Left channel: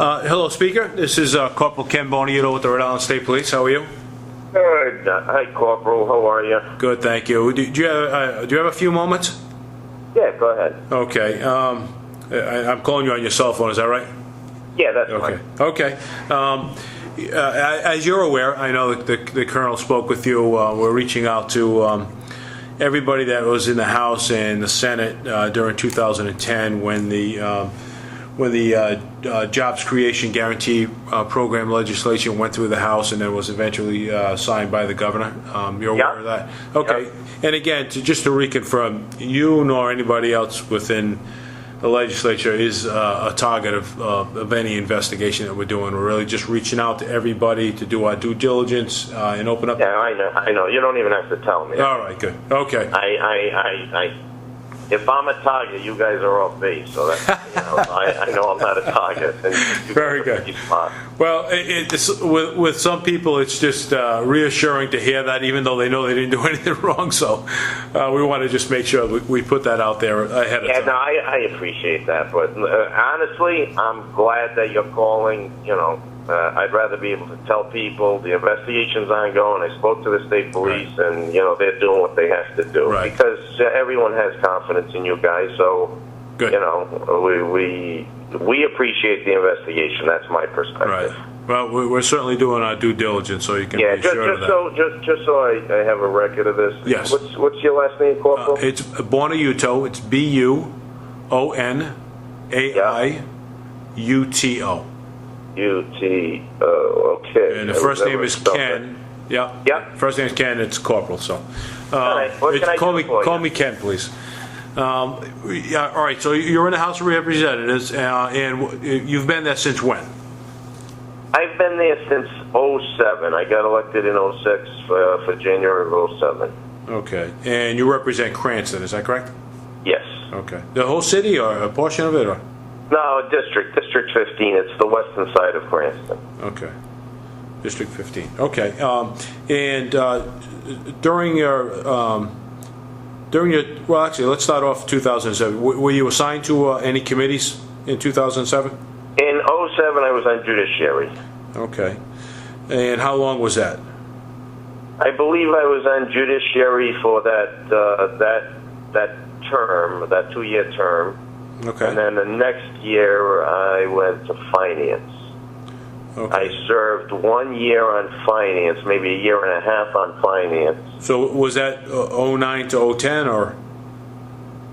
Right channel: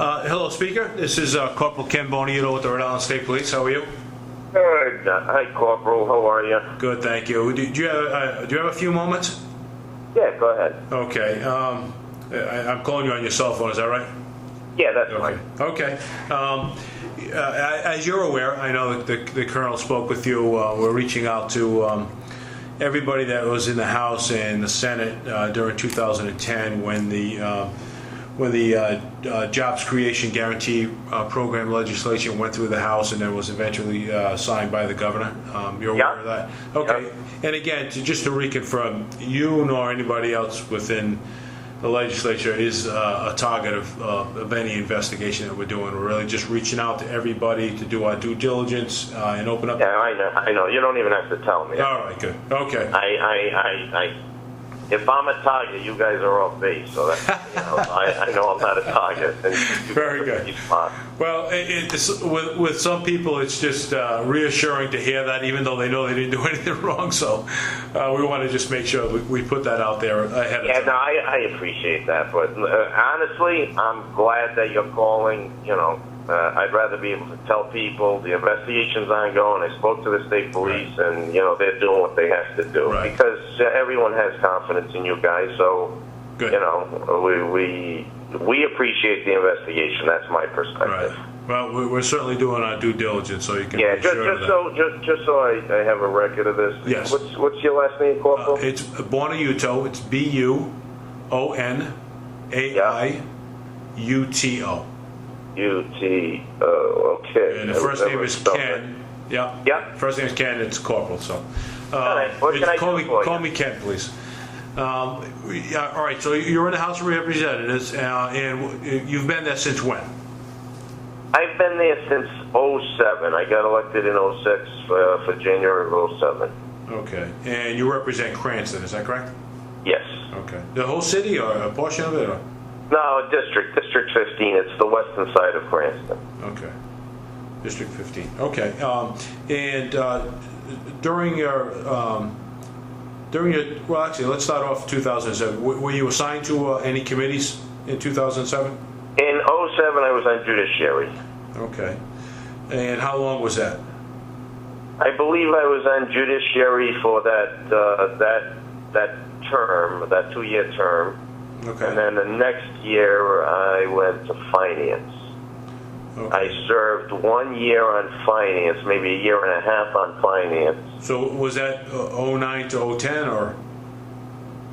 Hello, Speaker. This is Corporal Ken Boniato with the Rhode Island State Police. How are you? Good. Hi, Corporal. How are you? Good, thank you. Do you have a few moments? Yeah, go ahead. Okay. I'm calling you on your cell phone. Is that right? Yeah, that's Okay. fine. Okay. As you're aware, I know that the Colonel spoke with you. We're reaching out to everybody that was in the House and the Senate during 2010 when the Jobs Creation Guarantee Program legislation went through the House and then was eventually signed by the governor. You're aware of that? Okay. Yep. And again, just to reconfirm, you nor anybody else within the legislature is a target of any investigation that we're doing. We're really just reaching out to everybody to do our due diligence and open up. Yeah, I know. You don't even have to tell me. All right, good. Okay. If I'm a target, you guys are off base. So that's, I know I'm not a target. And Very good. Well, with some people, it's just reassuring to hear that, even though they know they didn't do anything wrong. So we want to just make sure we put that out there ahead of time. Yeah, no, I appreciate that. But honestly, I'm glad that you're calling. I'd rather be able to tell people the investigation's ongoing. I spoke to the state police, right. And they're doing what they have to do, right. Because everyone has confidence in you guys. So, good. We appreciate the investigation. That's my perspective. Right. Well, we're certainly doing our due diligence, so you can. Yeah, be sure just so I have a record of this. Yes. What's your last name, Corporal? It's Boniato. It's Boniaiuto. Okay. And the first name is Ken. Yeah. Yeah. First name is Ken. It's Corporal. So. All right. What can I do for you? Call me Ken, please. Yeah. All right. So you're in the House of Representatives, and you've been there since when? I've been there since '07. I got elected in '06 for January of '07. Okay. And you represent Cranston. Is that correct? Yes. Okay. The whole city, or a portion of it, or? No, District 15. It's the western side of Cranston. Okay. District 15. Okay. And during your well, actually, let's start off 2007. Were you assigned to any committees in 2007? In '07, I was on judiciary. Okay. And how long was that? I believe I was on judiciary for that term, that 2-year term. Okay. And then the next year, I went to finance. Okay. I served 1 year on finance, maybe a year and a half on finance. So was that 09 to 010, or?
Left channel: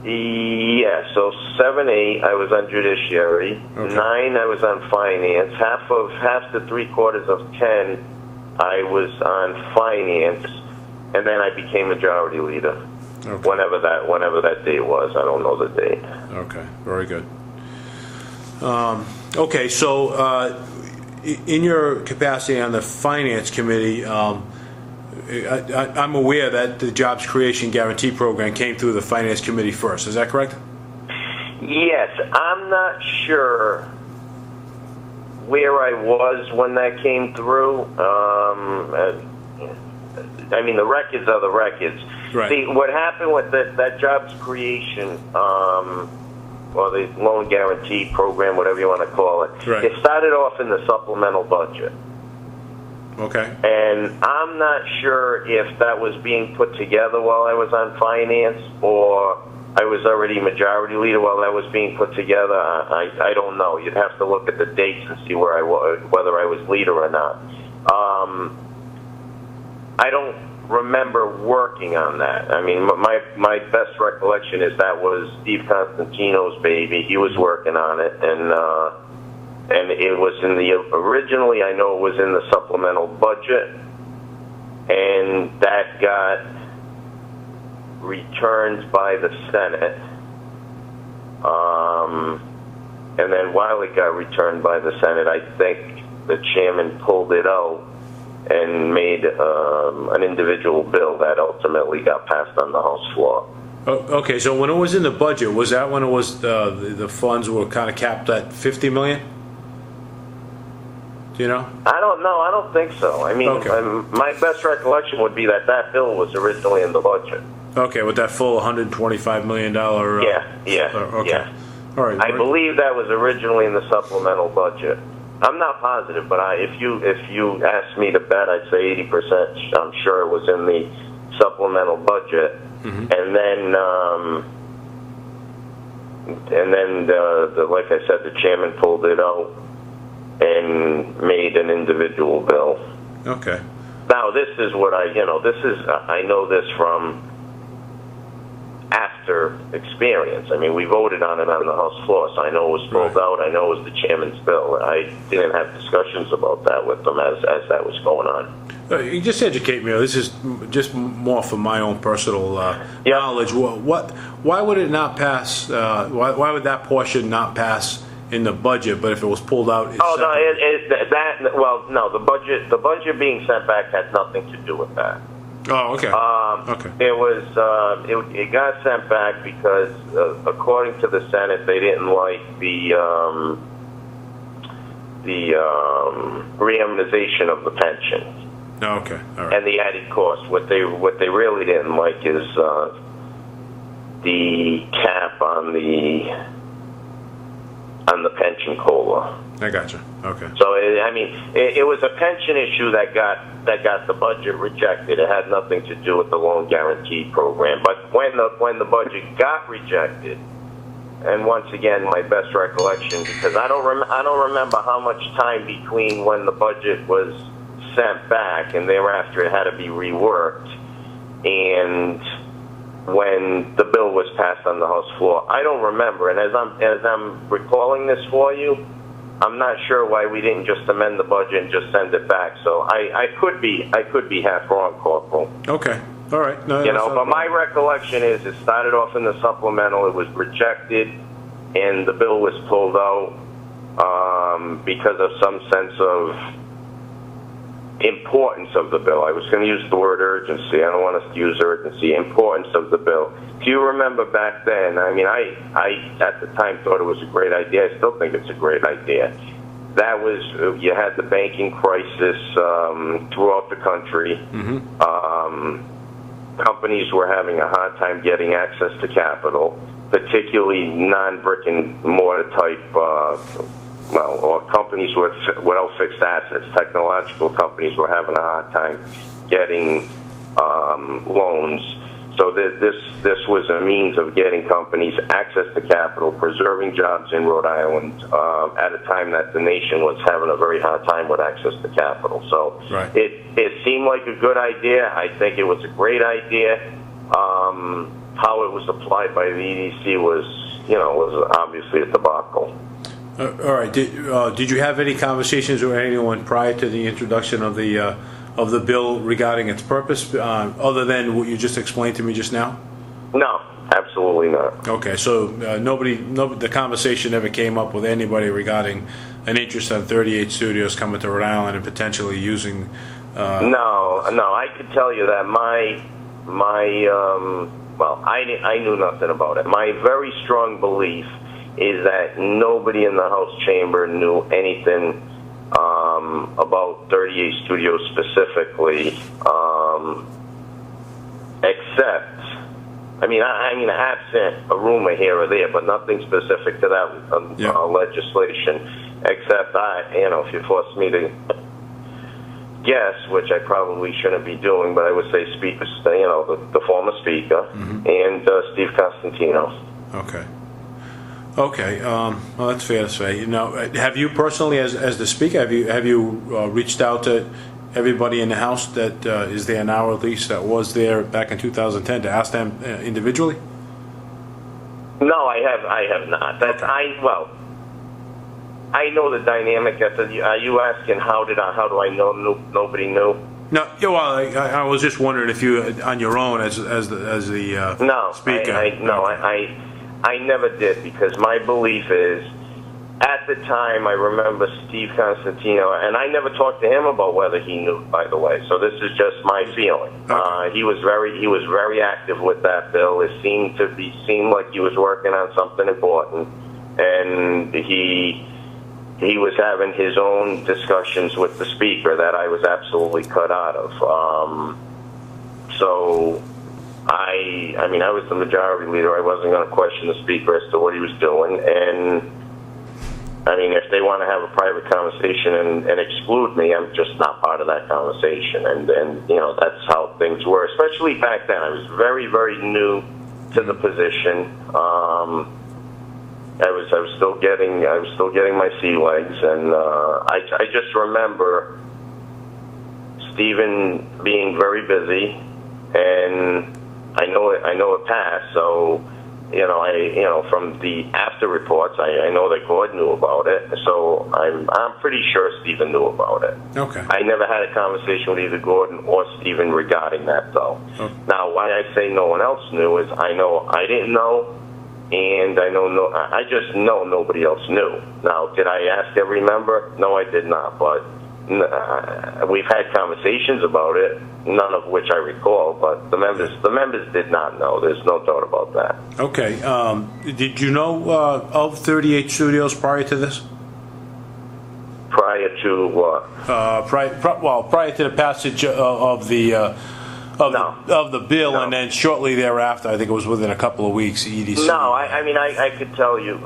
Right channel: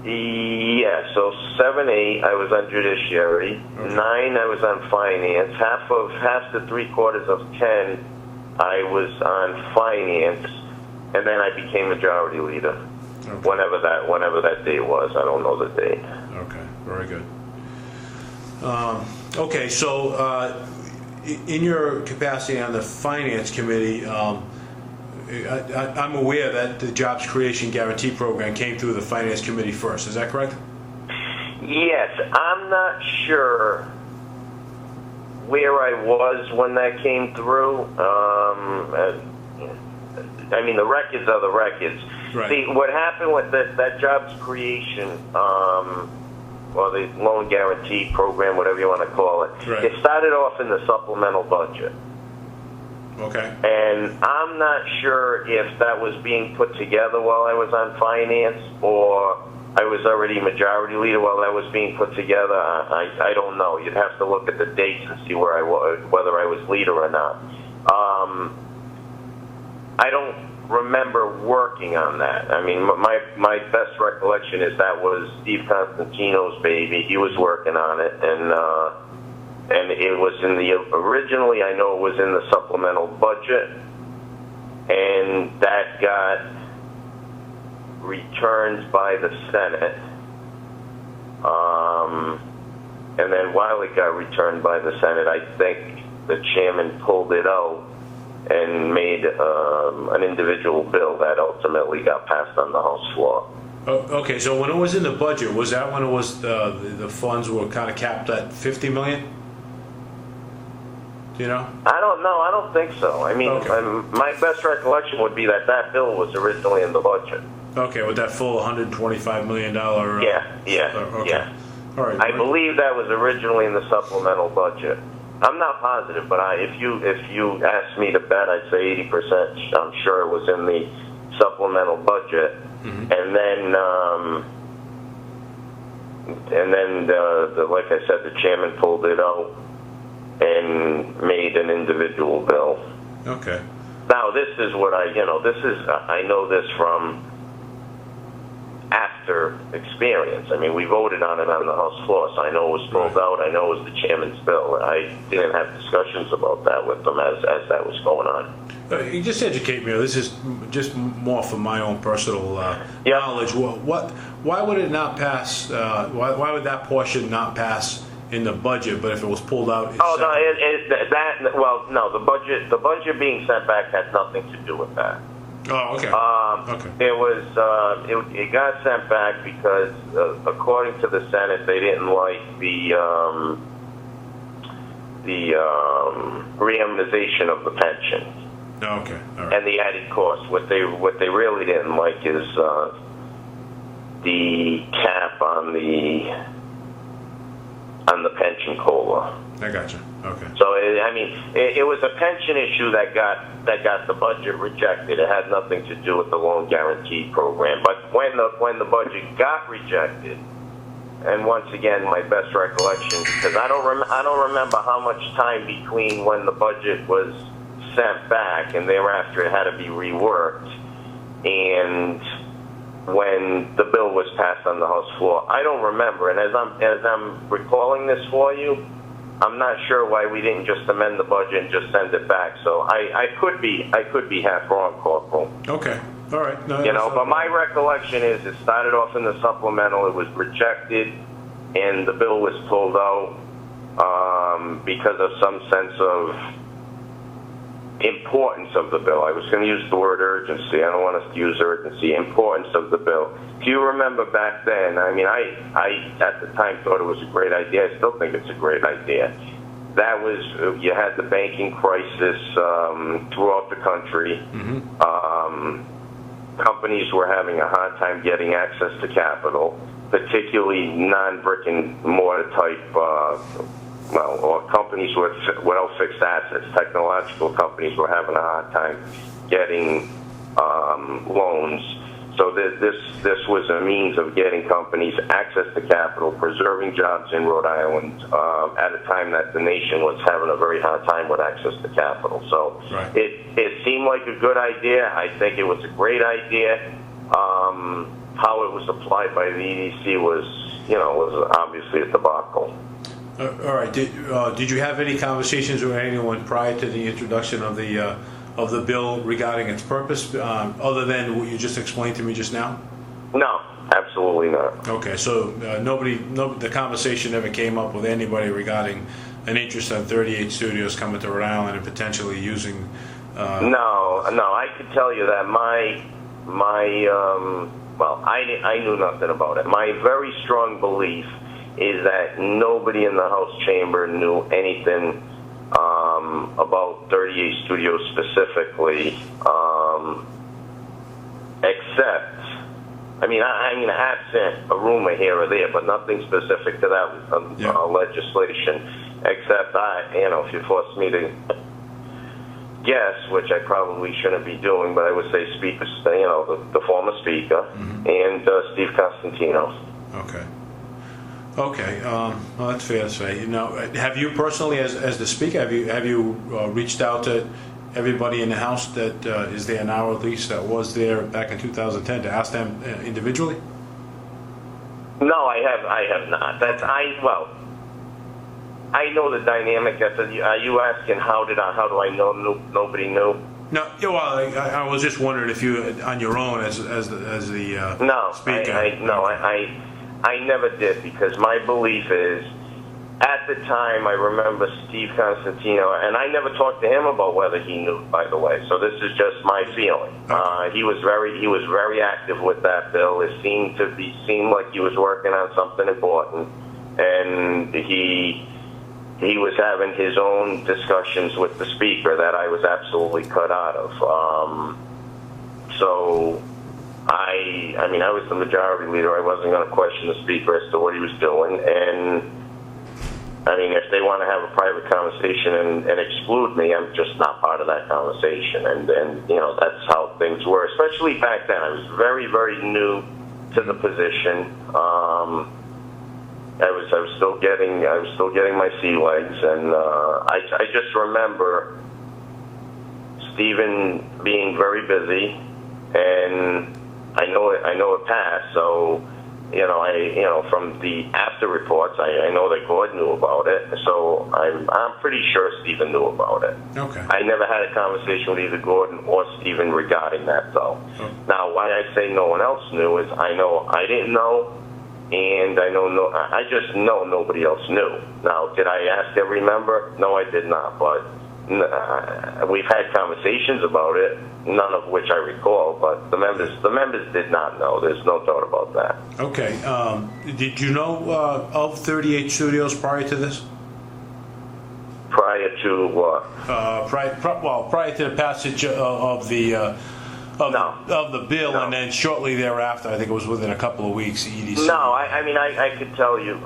Yeah, so 7, 8, I was on judiciary. Okay. 9, I was on finance. Half to 3/4 of 10, I was on finance, and then I became majority leader. Okay. Whenever that date was, I don't know the date. Okay, very good. Okay, so in your capacity on the Finance Committee, I'm aware that the Jobs Creation Guarantee Program came through the Finance Committee first. Is that correct? Yes, I'm not sure where I was when that came through. I mean, the records are the records. Right. See, what happened with that jobs creation, or the loan guarantee program, whatever you want to call it, right. It started off in the supplemental budget. Okay. And I'm not sure if that was being put together while I was on finance, or I was already majority leader while that was being put together. I don't know. You'd have to look at the dates and see where I was, whether I was leader or not. I don't remember working on that. I mean, my best recollection is that was Steve Constantino's baby. He was working on it, and it was originally, I know it was in the supplemental budget, and that got returned by the Senate. And then while it got returned by the Senate, I think the chairman pulled it out and made an individual bill that ultimately got passed on the House floor. Okay, so when it was in the budget, was that when it was the funds were kind of capped at $50 million? Do you know? I don't know. I don't think so. I mean, okay. My best recollection would be that bill was originally in the budget. Okay, with that full $125 million. Yeah. Okay. Yeah. All right. I believe that was originally in the supplemental budget. I'm not positive, but if you asked me to bet, I'd say 80%. I'm sure it was in the supplemental budget, and then like I said, the chairman pulled it out and made an individual bill. Okay. Now this is what I know this from after experience. I mean, we voted on it on the House floor, so I know it was pulled out. I know it was the chairman's bill. I didn't have discussions about that with them as that was going on. You just educate me. This is just more for my own personal knowledge. Why would it not pass? Why would that portion not pass in the budget? But if it was pulled out, the budget being sent back had nothing to do with that. Oh, okay. Okay. It got sent back because, according to the Senate, they didn't like the reimmunization of the pension. Oh, okay. All right. And the added cost. What they really didn't like is the cap on the pension COLA. I gotcha. Okay. So it was a pension issue that got the budget rejected. It had nothing to do with the loan guarantee program. But when the budget got rejected, and once again, my best recollection, because I don't remember how much time between when the budget was sent back and thereafter it had to be reworked, and when the bill was passed on the House floor. I don't remember, and as I'm recalling this for you, I'm not sure why we didn't just amend the budget and just send it back. So I could be half wrong, Corporal. Okay. All right. No, but my recollection is it started off in the supplemental, it was rejected, and the bill was pulled out because of some sense of importance of the bill. I was going to use the word urgency. I don't want us to use urgency. Importance of the bill. If you remember back then, I at the time thought it was a great idea. I still think it's a great idea. That was, you had the banking crisis throughout the country. Companies were having a hard time getting access to capital, particularly non-brick and mortar type or companies without fixed assets. Technological companies were having a hard time getting loans. So this was a means of getting companies access to capital, preserving jobs in Rhode Island at a time that the nation was having a very hard time with access to capital. So it seemed like a good idea. I think it was a great idea. How it was applied by the EDC was obviously a debacle. All right. Did you have any conversations with anyone prior to the introduction of the bill regarding its purpose, other than what you just explained to me just now? No, absolutely not. Okay, so the conversation never came up with anybody regarding an interest in 38 studios coming to Rhode Island and potentially using. No, I could tell you that I knew nothing about it. My very strong belief is that nobody in the House chamber knew anything about 38 Studios specifically, except, absent a rumor here or there, but nothing specific to that legislation, except if you force me to guess, which I probably shouldn't be doing, but I would say Speaker, the former Speaker, and Steve Costantino. Okay. Okay, well, that's fair to say. Now, have you personally, as the Speaker, have you reached out to everybody in the House that is there now, at least that was there back in 2010, to ask them individually? No, I have not. I know the dynamic. Are you asking how do I know nobody knew? No, well, I was just wondering if you, on your own, as the Speaker. I never did, because my belief is, at the time, I remember Steve Costantino, and I never talked to him about whether he knew, by the way, so this is just my feeling. He was very active with that bill. It seemed like he was working on something important, and he was having his own discussions with the Speaker that I was absolutely cut out of. So I mean, I was the majority leader. I wasn't going to question the speaker as to what he was doing. And I mean, if they want to have a private conversation and exclude me, I'm just not part of that conversation. And you know, that's how things were, especially back then. I was very, very new to the position. I was still getting my sea legs, and I just remember Stephen being very busy, and I know it passed. So, you know, from the after reports, I know that Gordon knew about it. So I'm pretty sure Stephen knew about it. Okay. I never had a conversation with either Gordon or Stephen regarding that, though. Okay. Now, why I say no one else knew is I know I didn't know, and I just know nobody else knew. Now, did I ask every member? No, I did not. But we've had conversations about it, none of which I recall. But the members did not know. There's no doubt about that. Okay. Did you know of 38 Studios prior to this? Prior to what? Prior to the passage of the bill, No. and then shortly thereafter, I think it was within a couple of weeks. EDC. No, I mean I could tell you.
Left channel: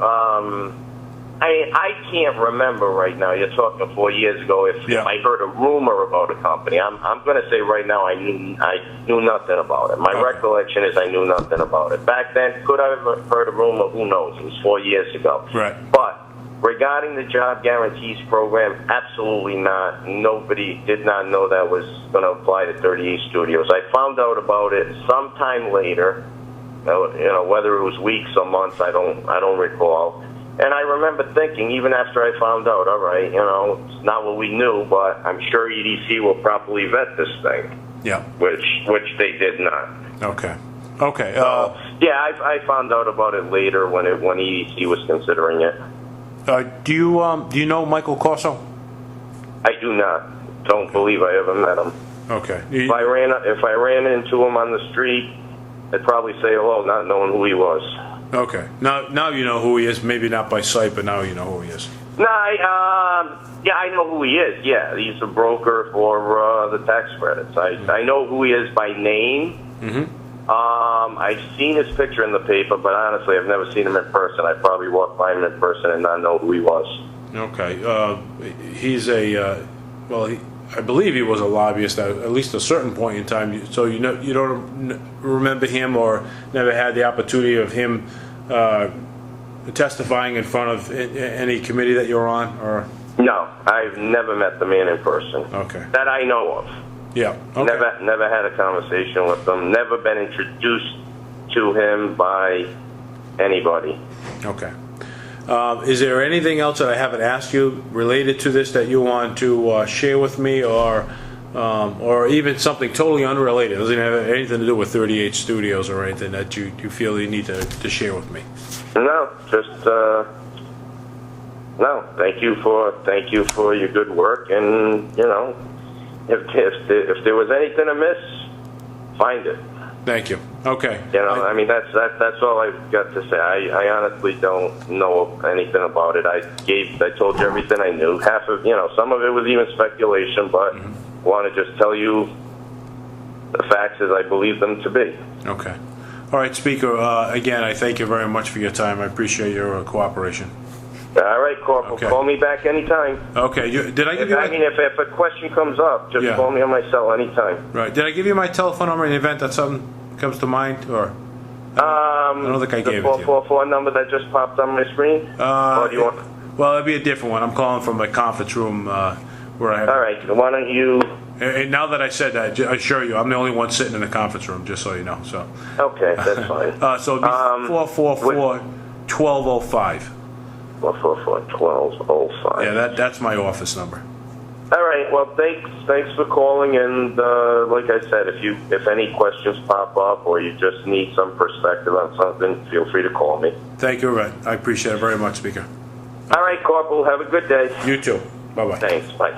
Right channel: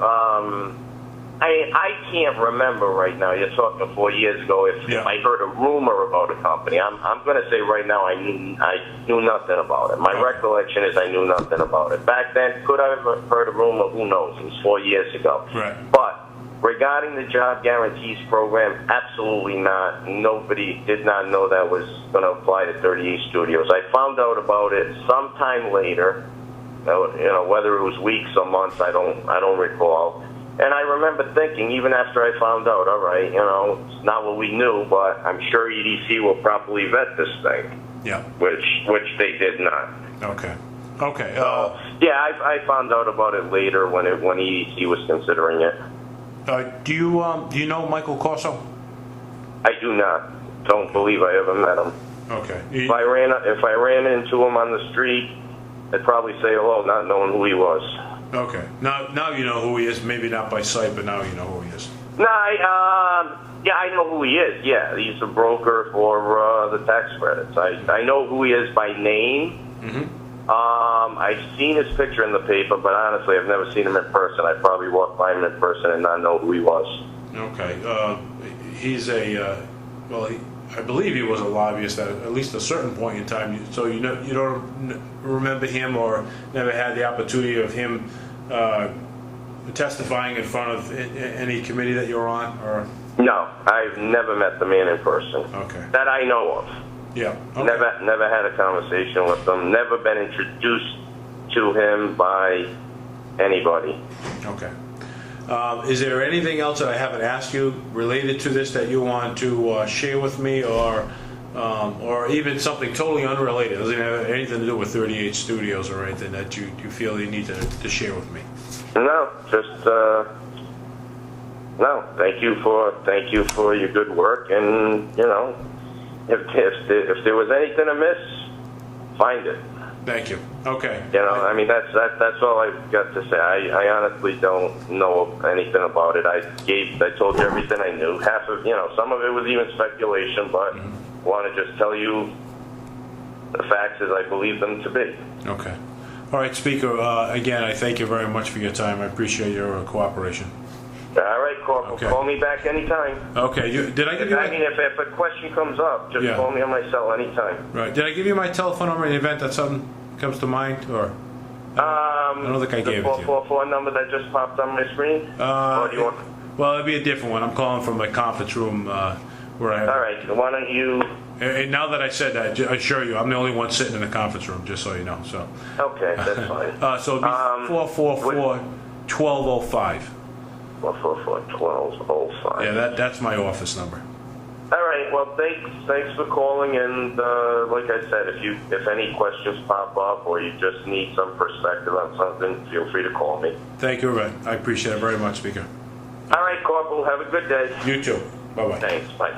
I can't remember right now. You're talking 4 years ago. If I heard a rumor about a company, I'm going to say right now I knew nothing about it. My recollection is I knew nothing about it. Back then, could I have heard a rumor? Who knows? It was 4 years ago. Right. But regarding the job guarantees program, absolutely not. Nobody did not know that was going to apply to 38 Studios. I found out about it sometime later. You know, whether it was weeks or months, I don't recall. And I remember thinking, even after I found out, all right, you know, it's not what we knew, but I'm sure EDC will properly vet this thing. Yeah. Which they did not. Okay. Okay. Yeah, I found out about it later when EDC was considering it. Do you know Michael Corso? I do not. Don't believe I ever met him. Okay. If I ran into him on the street, I'd probably say hello, not knowing who he was. Okay. Now you know who he is. Maybe not by sight, but now you know who he is. No, yeah, I know who he is. Yeah, he's a broker for the tax credits. I know who he is by name. Mm-hmm. I've seen his picture in the paper, but honestly, I've never seen him in person. I probably walked by him in person and not know who he was. Okay. He's I believe he was a lobbyist at least a certain point in time. So you don't remember him or never had the opportunity of him testifying in front of any committee that you're on, or? No, I've never met the man in person. Okay. That I know of. Yeah. Okay. Never had a conversation with him. Never been introduced to him by anybody. Okay. Is there anything else that I haven't asked you related to this that you want to share with me, or even something totally unrelated? It doesn't have anything to do with 38 Studios or anything that you feel you need to share with me? No, just no. Thank you for your good work, and you know, if there was anything amiss, find it. Thank you. Okay. You know, I mean, that's all I've got to say. I honestly don't know anything about it. I told you everything I knew. Half of, you know, some of it was even speculation, but want to just tell you the facts as I believe them to be. Okay. All right, Speaker. Again, I thank you very much for your time. I appreciate your cooperation. All right, Corporal. Okay. Call me back anytime. Okay. Did I give you? If a question comes up, just call me on my cell anytime. Right. Did I give you my telephone number in the event that something comes to mind, or? I don't think I gave it to you. The 444 number that just popped on my screen. Or do you want? Well, it'd be a different one. I'm calling from my conference room where I have. All right. Why don't you? And now that I said that, I assure you, I'm the only one sitting in the conference room, just so you know. So. Okay, that's fine. So it'd be 444-1205. 444-1205. Yeah, that's my office number. All right. Well, thanks for calling, and like I said, if any questions pop up or you just need some perspective on something, feel free to call me. Thank you, Red. I appreciate it very much, Speaker. All right, Corporal. Have a good day. You too. Bye-bye. Thanks. Bye.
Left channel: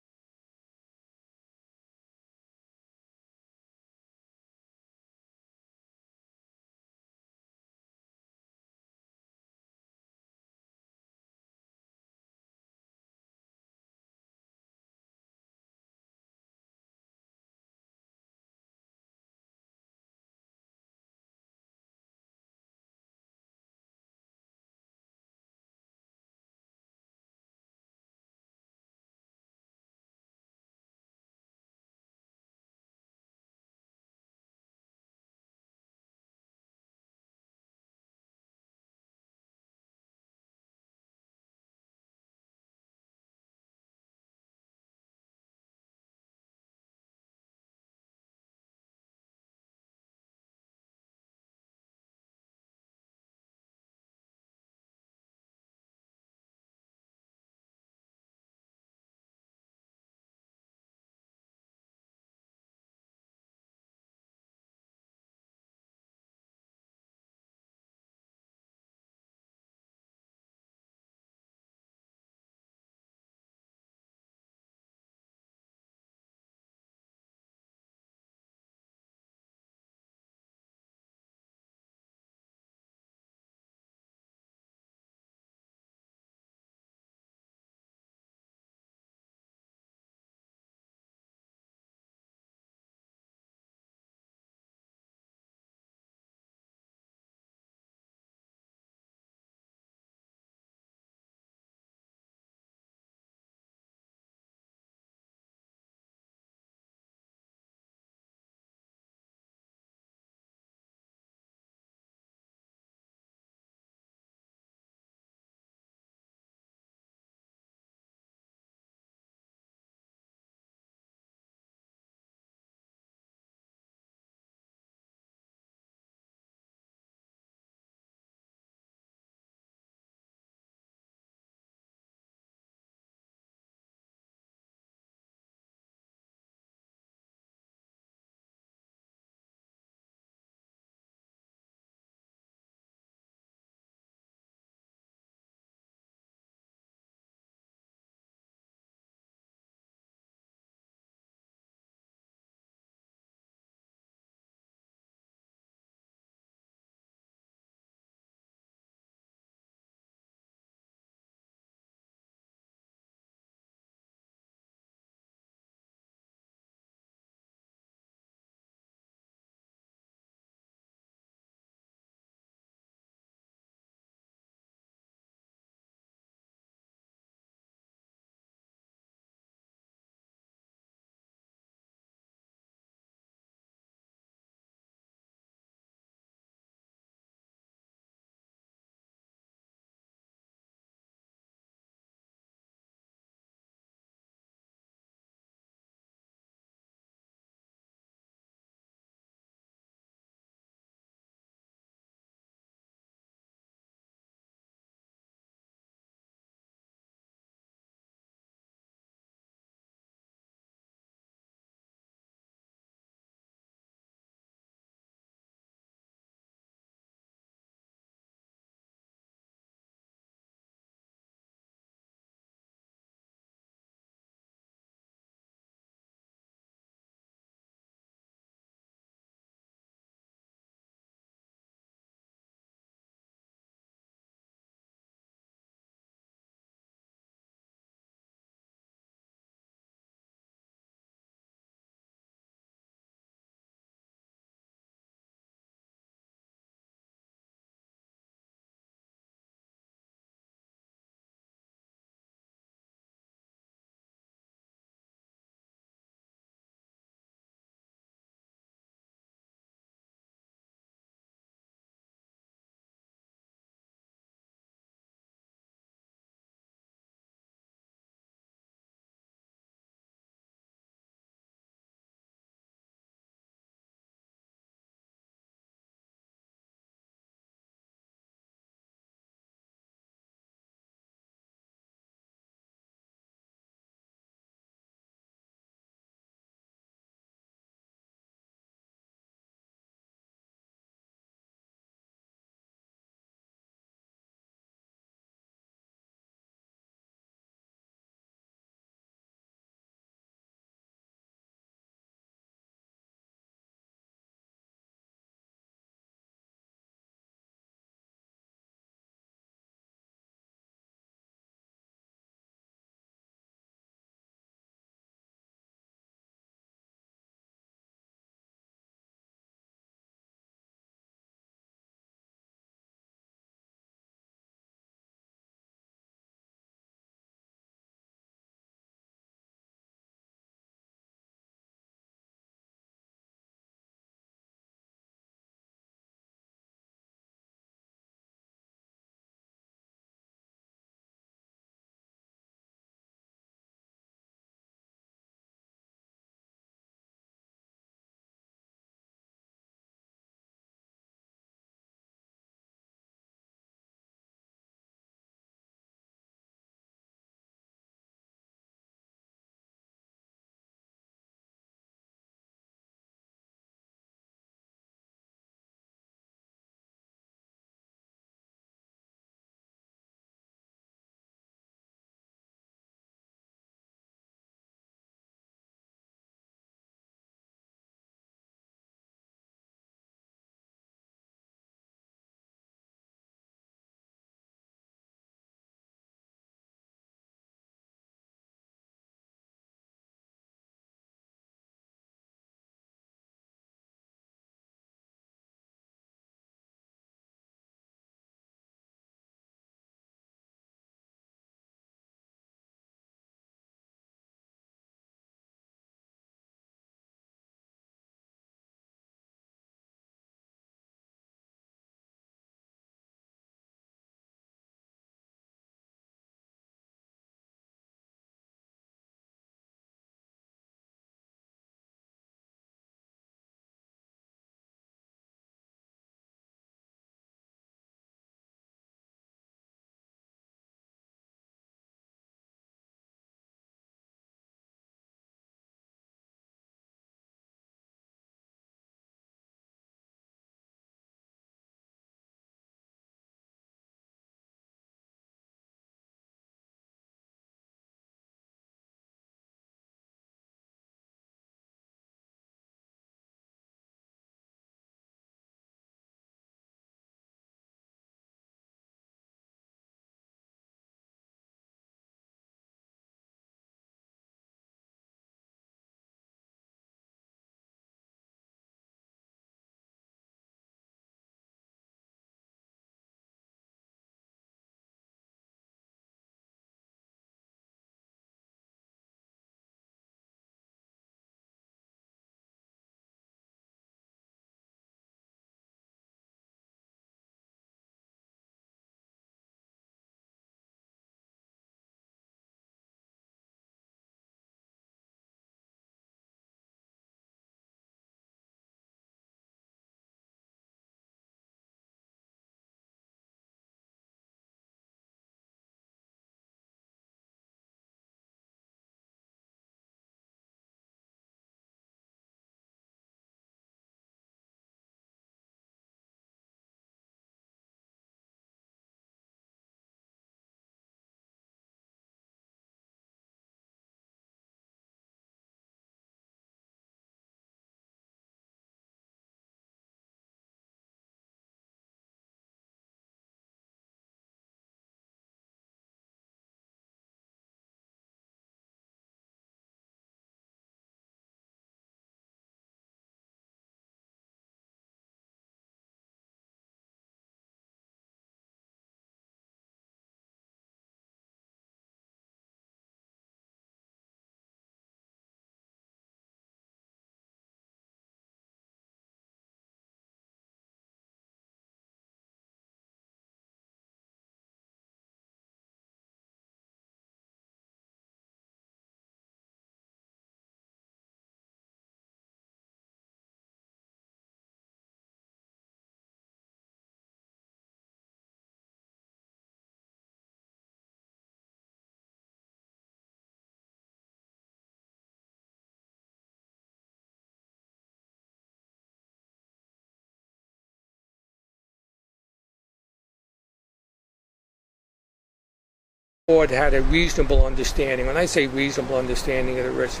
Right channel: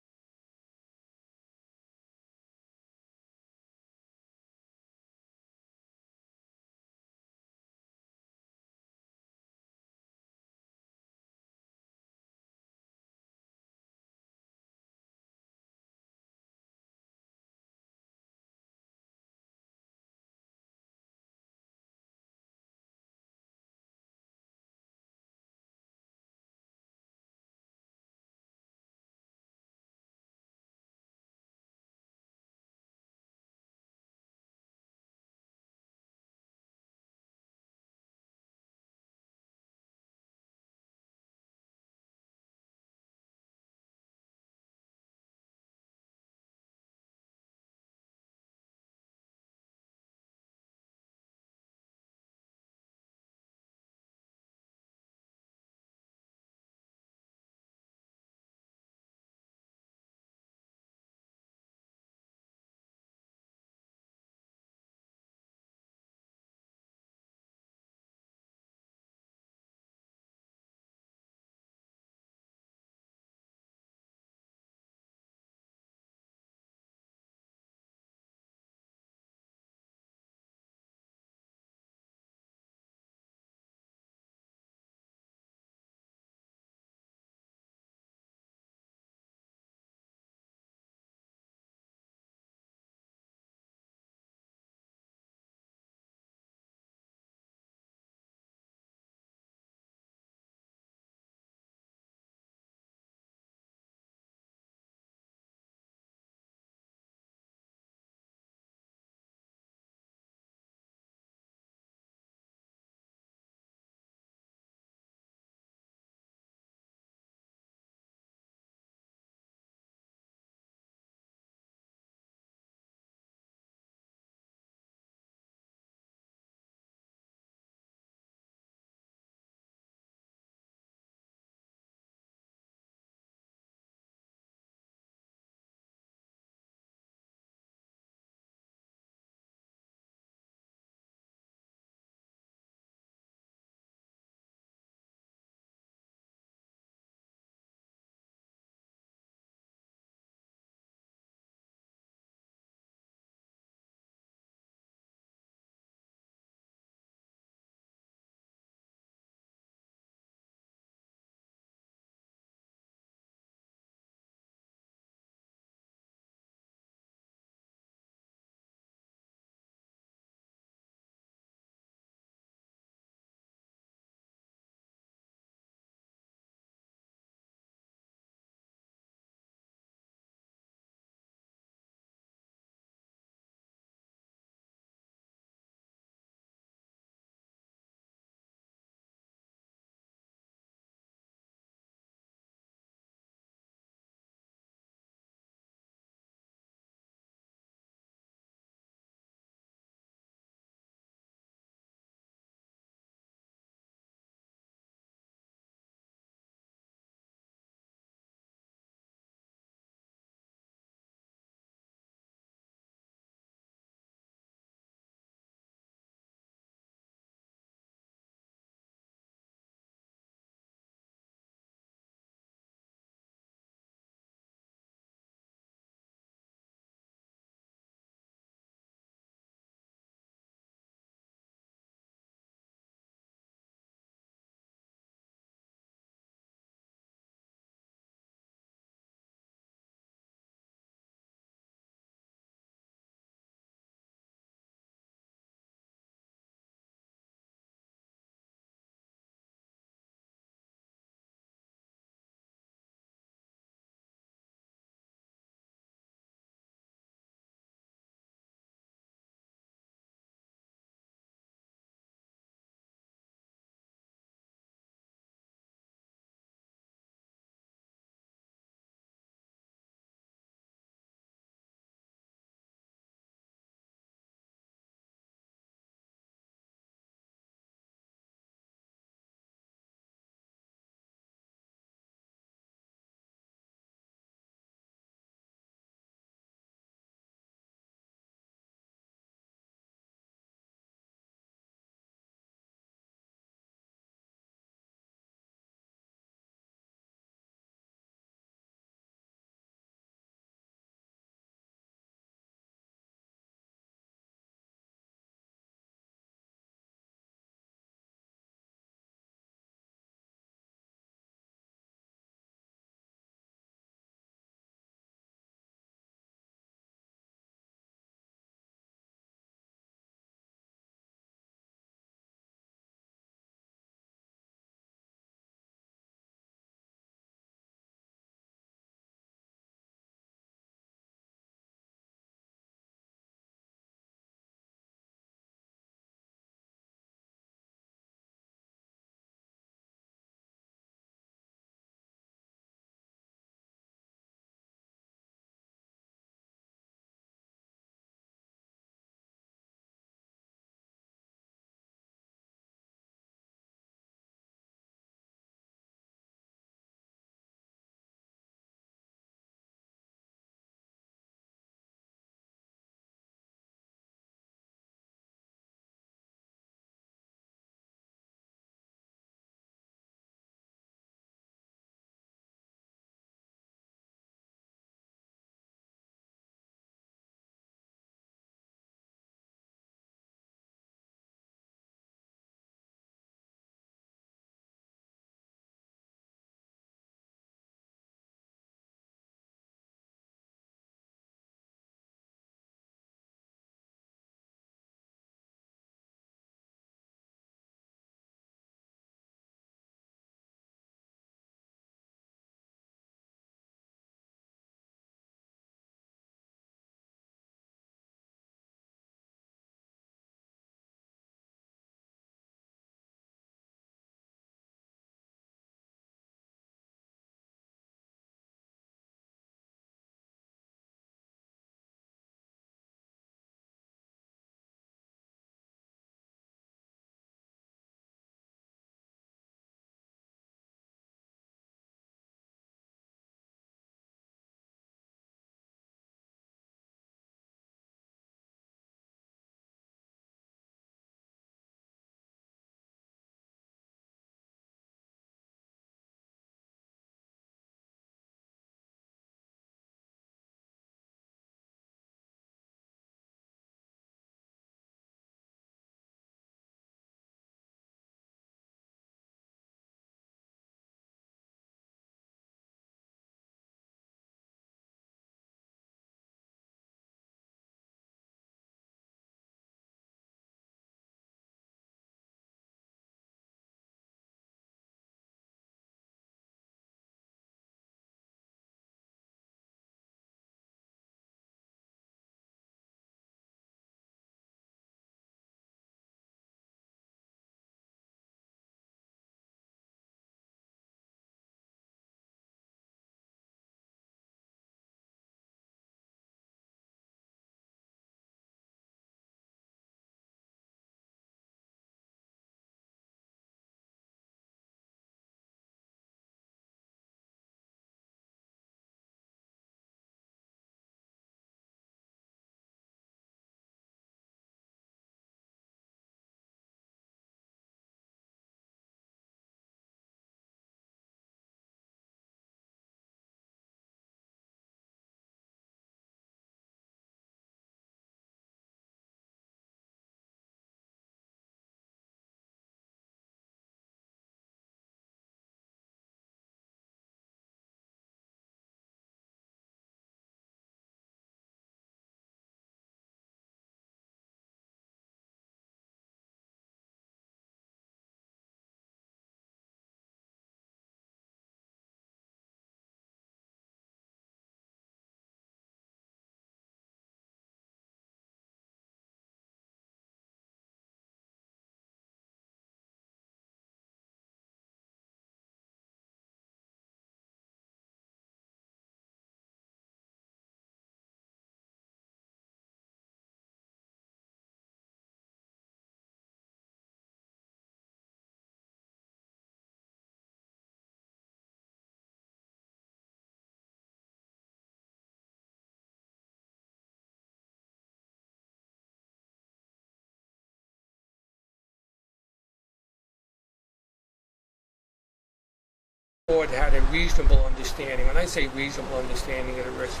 board had a reasonable understanding. When I say reasonable understanding of the risk,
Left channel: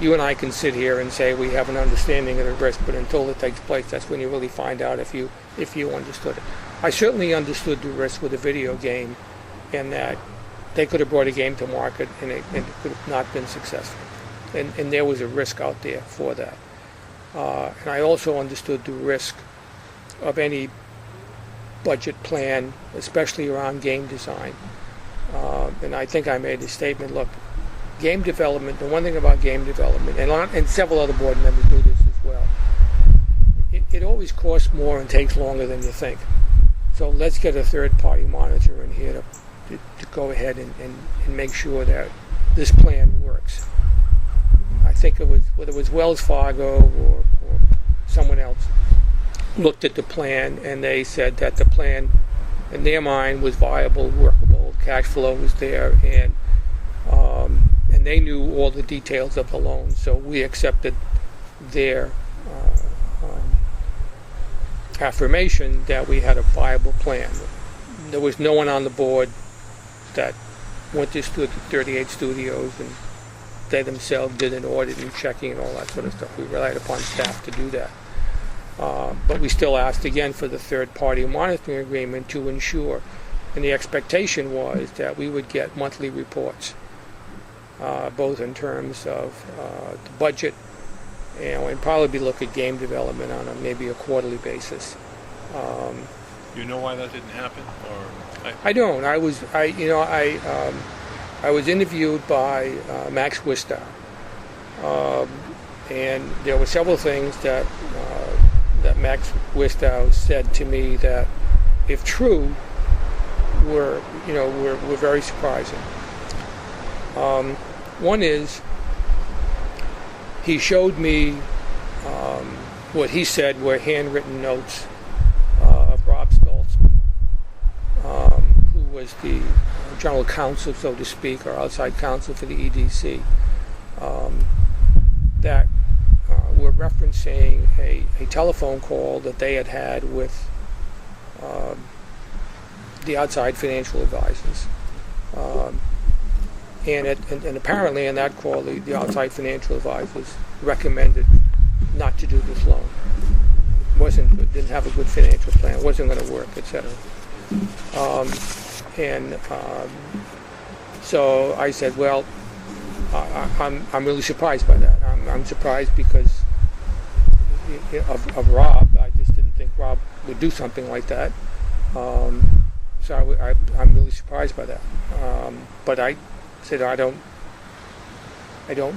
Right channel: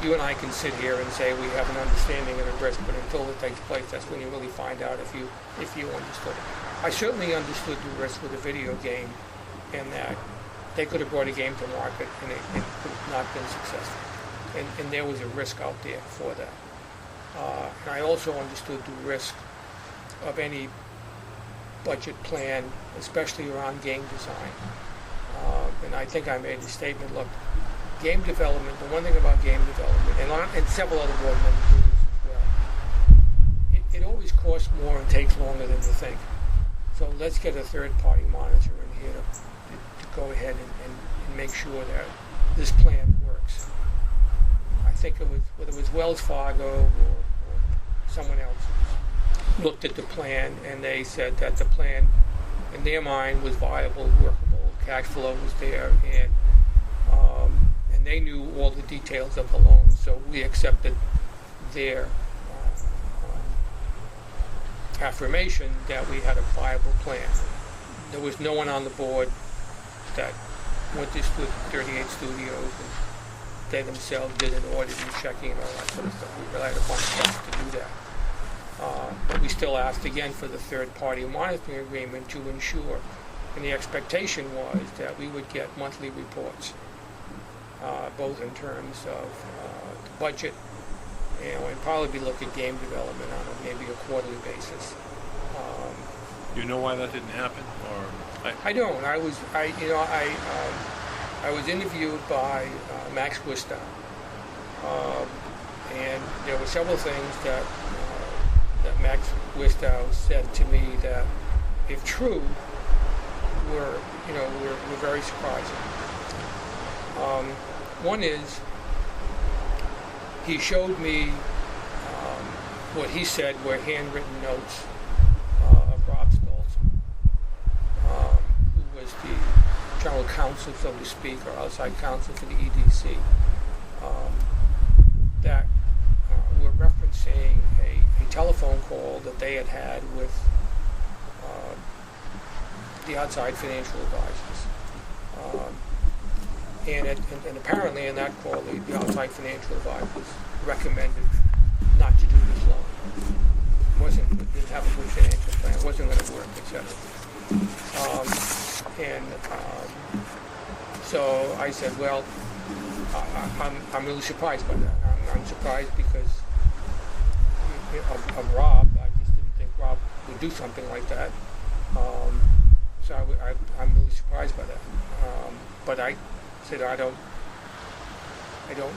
you and I can sit here and say we have an understanding of the risk, but until it takes place, that's when you really find out if you understood it. I certainly understood the risk with a video game, and that they could have brought a game to market and it could have not been successful. And there was a risk out there for that. And I also understood the risk of any budget plan, especially around game design. And I think I made a statement, look, game development, the one thing about game development, and several other board members do this as well, it always costs more and takes longer than you think. So let's get a third-party monitor in here to go ahead and make sure that this plan works. I think it was, whether it was Wells Fargo or someone else, looked at the plan and they said that the plan in their mind was viable, workable, cash flow was there, and they knew all the details of the loan, so we accepted their affirmation that we had a viable plan. There was no one on the board that went to 38 studios and they themselves did an audit and checking and all that sort of stuff. We relied upon staff to do that. But we still asked again for the third-party monitoring agreement to ensure, and the expectation was that we would get monthly reports, both in terms of the budget, and probably look at game development on maybe a quarterly basis. You know why that didn't happen, or? I don't. I was interviewed by Max Wistow, and there were several things that Max Wistow said to me that, if true, were very surprising. One is, he showed me what he said were handwritten notes of Rob Stoltz, who was the general counsel, so to speak, or outside counsel for the EDC, that were referencing a telephone call that they had with the outside financial advisors. And apparently in that call, the outside financial advisors recommended not to do this loan. Didn't have a good financial plan, wasn't going to work, etc. So I said, well, I'm really surprised by that. I'm surprised because of Rob. I just didn't think Rob would do something like that. So I'm really surprised by that. But I said, I don't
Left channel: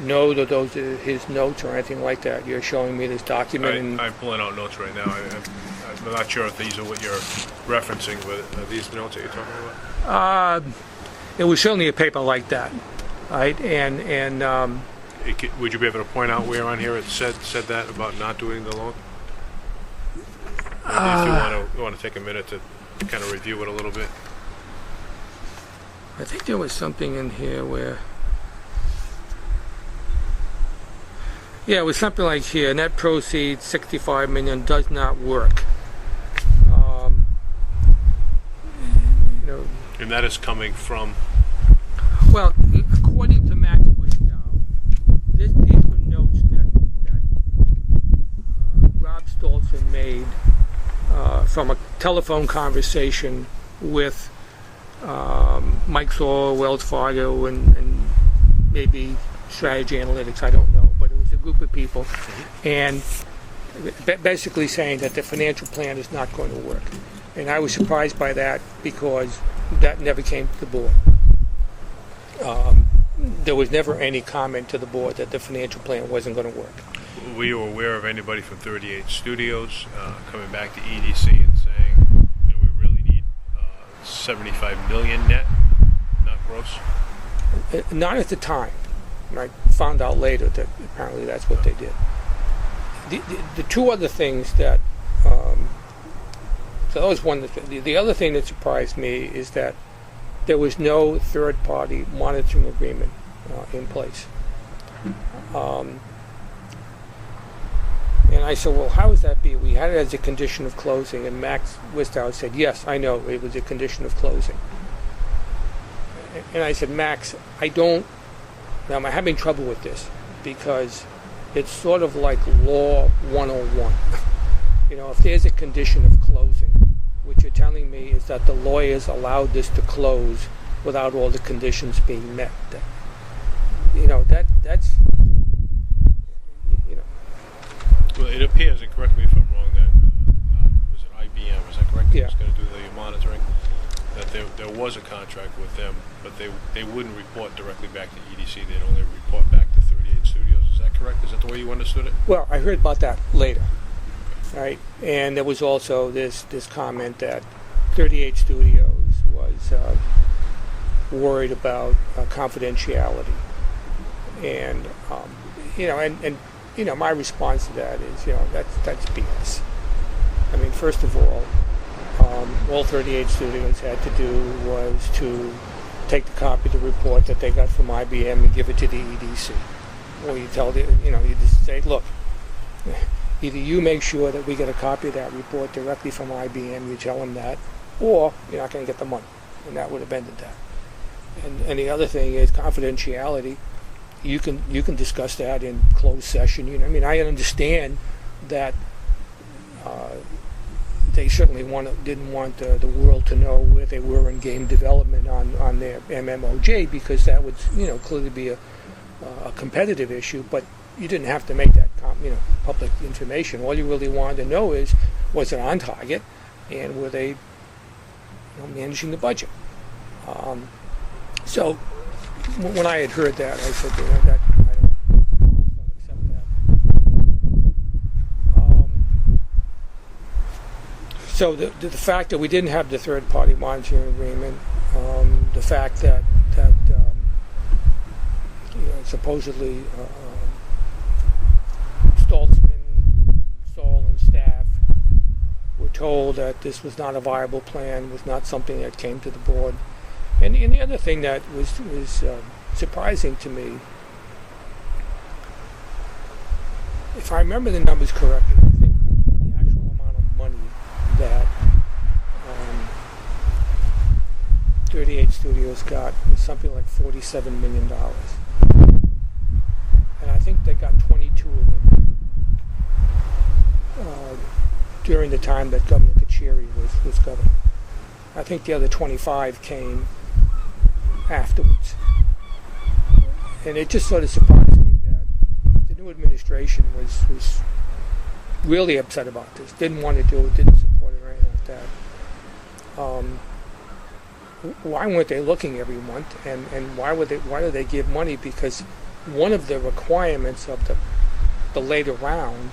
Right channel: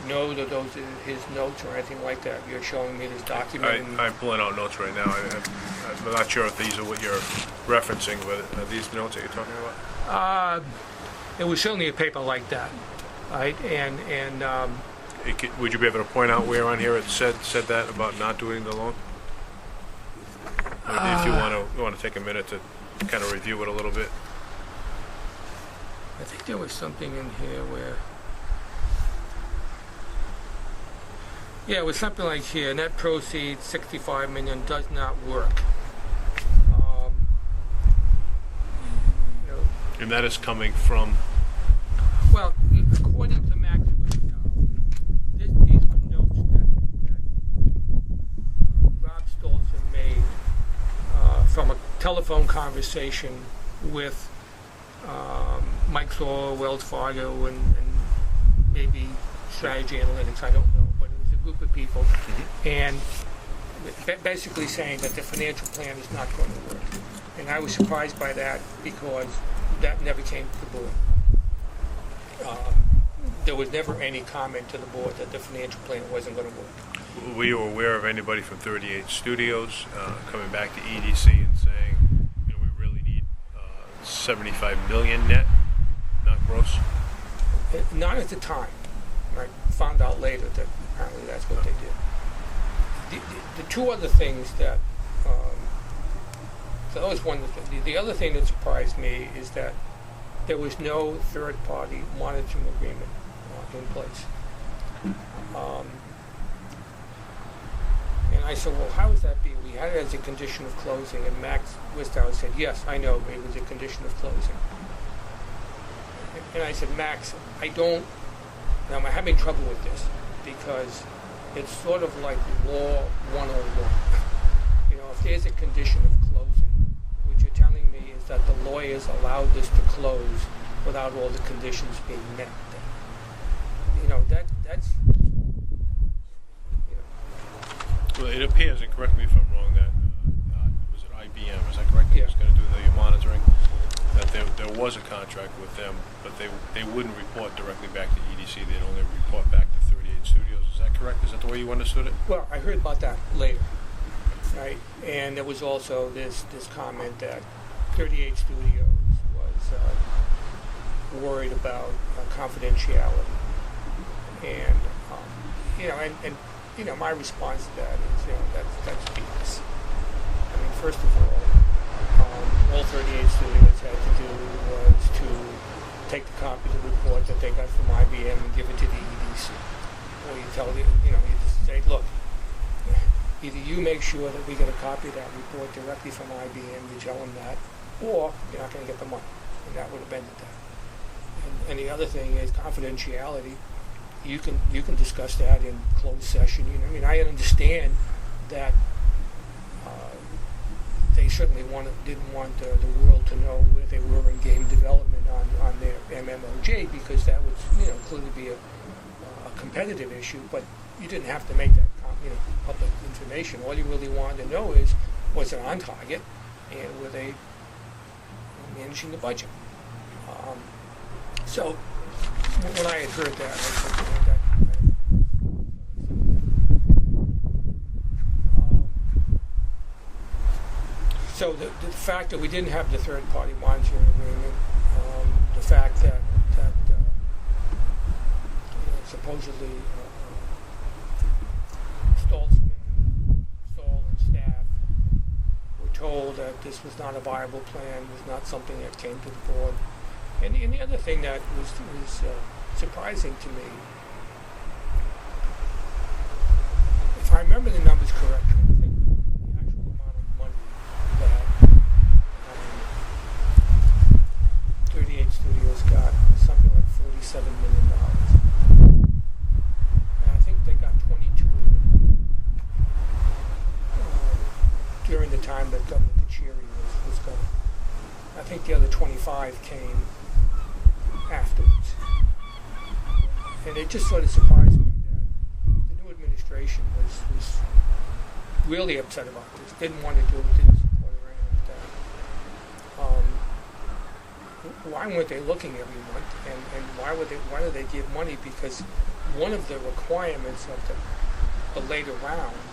know that those are his notes or anything like that. You're showing me this document. I'm pulling out notes right now. I'm not sure if these are what you're referencing, but are these notes that you're talking about? It was certainly a paper like that, right? And would you be able to point out where on here it said that about not doing the loan? Maybe if you want to take a minute to kind of review it a little bit. I think there was something in here where, yeah, it was something like here, net proceeds $65 million does not work. And that is coming from? Well, according to Max Wistow, these were notes that Rob Stoltz made from a telephone conversation with Mike Thor, Wells Fargo, and maybe Strategy Analytics, I don't know, but it was a group of people, and basically saying that the financial plan is not going to work. And I was surprised by that because that never came to the board. There was never any comment to the board that the financial plan wasn't going to work. Were you aware of anybody from 38 Studios coming back to EDC and saying, we really need 75 million net, not gross? Not at the time. I found out later that apparently that's what they did. The two other things that, so that was one. The other thing that surprised me is that there was no third-party monitoring agreement in place. And I said, well, how would that be? We had it as a condition of closing, and Max Wistow said, yes, I know, it was a condition of closing. And I said, Max, now I'm having trouble with this because it's sort of like law 101. If there's a condition of closing, what you're telling me is that the lawyers allowed this to close without all the conditions being met. That's. Well, it appears, and correct me if I'm wrong, that was it IBM? Is that correct? That was going to do the monitoring. That there was a contract with them, but they wouldn't report directly back to EDC. They'd only report back to 38 Studios. Is that correct? Is that the way you understood it? Well, I heard about that later, right? And there was also this comment that 38 Studios was worried about confidentiality, and my response to that is, that's BS. I mean, first of all 38 Studios had to do was to take the copy of the report that they got from IBM and give it to the EDC. Or you tell you just say, look, either you make sure that we get a copy of that report directly from IBM, you tell them that, or you're not going to get the money. And that would have ended that. And the other thing is confidentiality. You can discuss that in closed session. I understand that they certainly didn't want the world to know where they were in game development on their MMOJ, because that would clearly be a competitive issue. But you didn't have to make that public information. All you really wanted to know is, was it on target, and were they managing the budget? So when I had heard that, I said, that I don't accept that. So the fact that we didn't have the third-party monitoring agreement, the fact that supposedly Stahl and staff were told that this was not a viable plan, was not something that came to the board. And the other thing that was surprising to me, if I remember the numbers correctly, I think the actual amount of money that 38 Studios got was something like $47 million. And I think they got 22 of it during the time that Governor Kachiri was governor. I think the other 25 came afterwards. And it just sort of surprised me that the new administration was really upset about this, didn't want to do it, didn't support it or anything like that. Why weren't they looking every month, and why do they give money? Because one of the requirements of the later round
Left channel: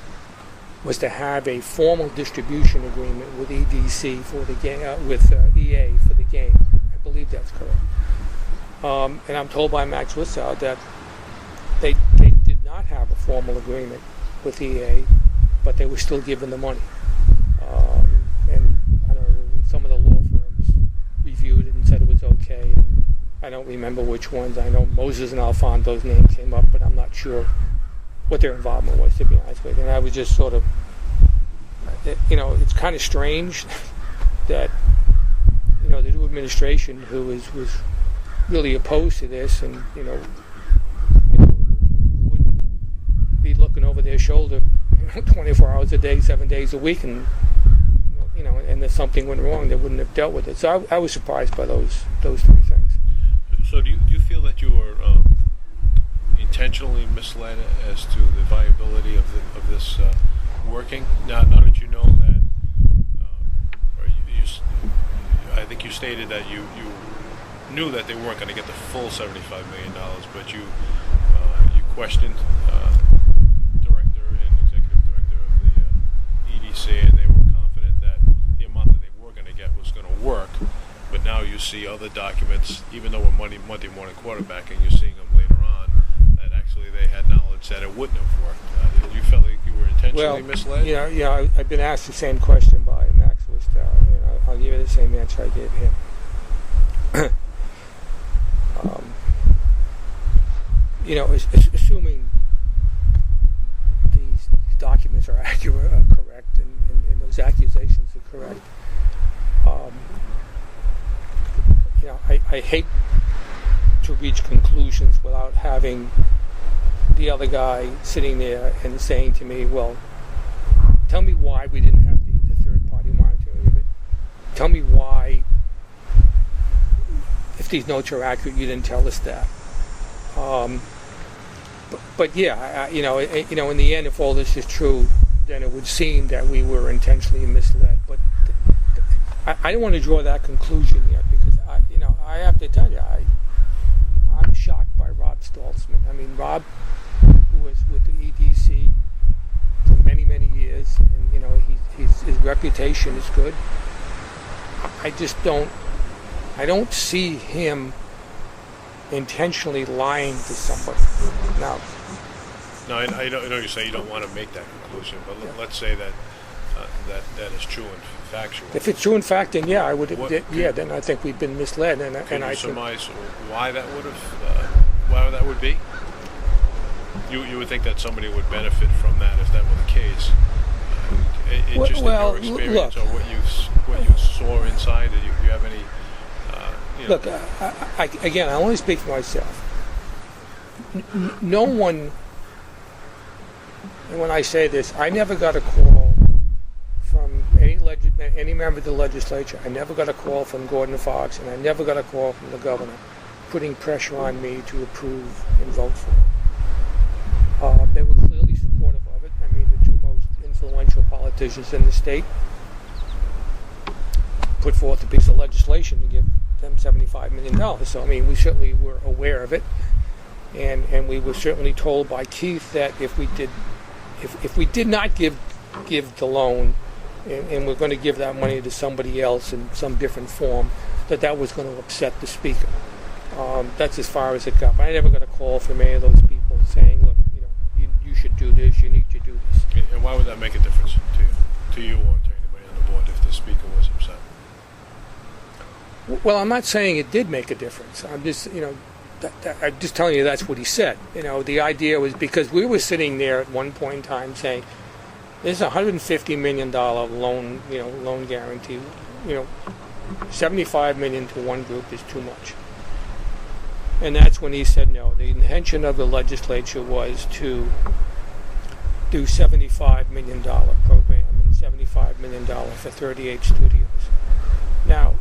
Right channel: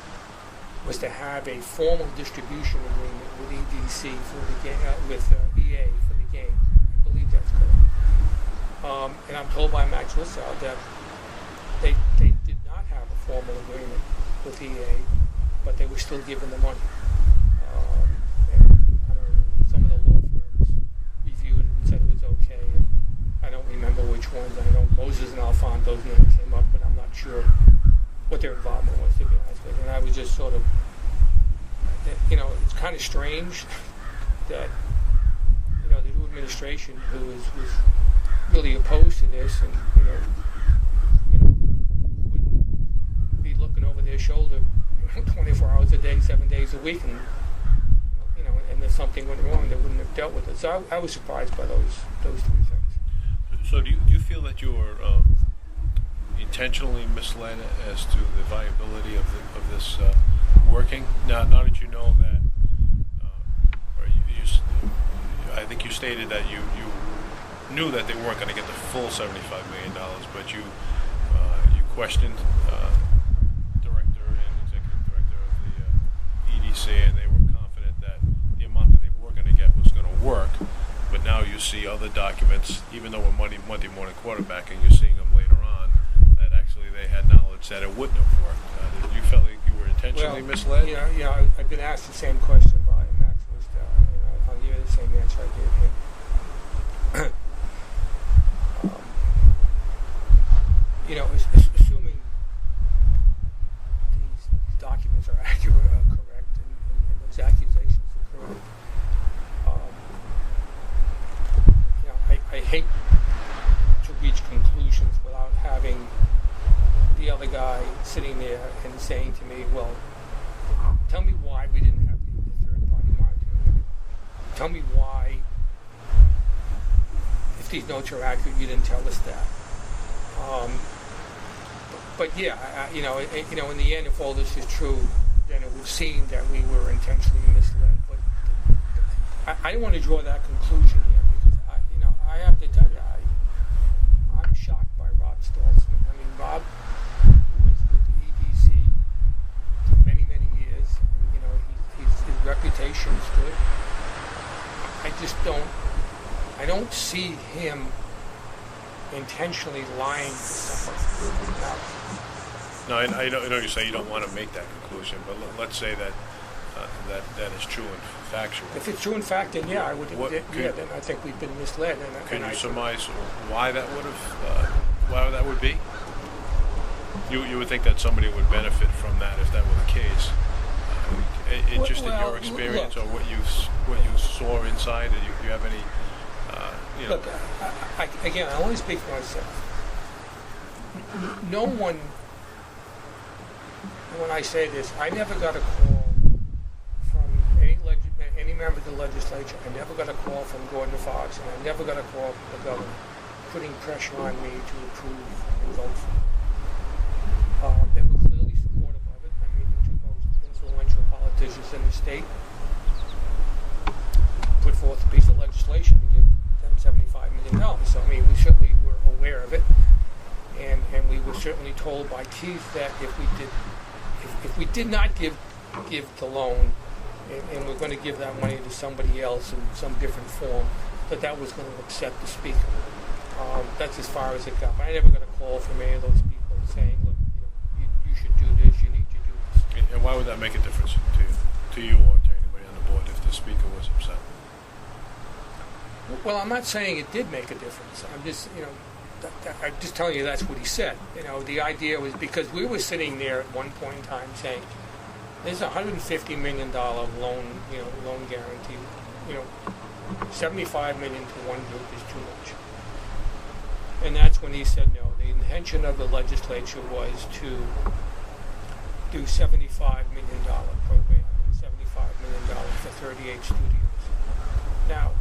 was to have a formal distribution agreement with EDC for the game, with EA for the game. I believe that's correct. And I'm told by Max Witzow that they did not have a formal agreement with EA, but they were still given the money. And I don't know, some of the law firms reviewed it and said it was okay. And I don't remember which ones. I know Moses and Alfonso's name came up, but I'm not sure what their involvement was, to be honest with you. And I was just sort of, it's kind of strange that, the new administration, who was really opposed to this, and wouldn't be looking over their shoulder 24 hours a day, 7 days a week, and and if something went wrong, they wouldn't have dealt with it. So I was surprised by those three things. So do you feel that you were intentionally misled as to the viability of this working? Now that you know that, I think you stated that you knew that they weren't going to get the full $75 million, but you questioned director and executive director of the EDC, and they were confident that the amount that they were going to get was going to work. But now you see other documents, even though we're Monday morning quarterbacking, you're seeing them later on, that actually they had knowledge that it wouldn't have worked. You felt like you were intentionally misled? Yeah, I've been asked the same question by Max Witzow, and I'll give you the same answer I gave him. Assuming these documents are accurate, correct, and those accusations are correct, I hate reach conclusions without having the other guy sitting there and saying to me, well, tell me why we didn't have the third-party monitoring of it. Tell me why, if these notes are accurate, you didn't tell us that. But yeah, in the end, if all this is true, then it would seem that we were intentionally misled. But I don't want to draw that conclusion yet, because I have to tell you, I'm shocked by Rob Stoltzman. I mean, Rob was with the EDC for many, many years, and his reputation is good. I don't see him intentionally lying to somebody. No, I know you say you don't want to make that conclusion, but let's say that that is true and factual. If it's true and fact, then yeah, I would. Then I think we've been misled. Can you surmise why that would be? You would think that somebody would benefit from that if that were the case. Just in your experience, or what you saw inside, did you have any? Look, I only speak for myself. No one, and when I say this, I never got a call from any member of the legislature. I never got a call from Gordon Fox, and I never got a call from the governor putting pressure on me to approve and vote for it. They were clearly supportive of it. I mean, the two most influential politicians in the state put forth a piece of legislation to give them $75 million. So, I mean, we certainly were aware of it. And we were certainly told by Keith that if we did not give the loan, and we're going to give that money to somebody else in some different form, that was going to upset the speaker. That's as far as it got. But I never got a call from any of those people saying, look, you should do this, you need to do this. And why would that make a difference to you or to anybody on the board if the speaker was upset? Well, I'm not saying it did make a difference. I'm just, I'm just telling you that's what he said. The idea was because we were sitting there at one point in time saying, there's a $150 million loan, loan guarantee. $75 million to one group is too much. And that's when he said no. The intention of the legislature was to do $75 million program and $75 million for 38 studios. Now,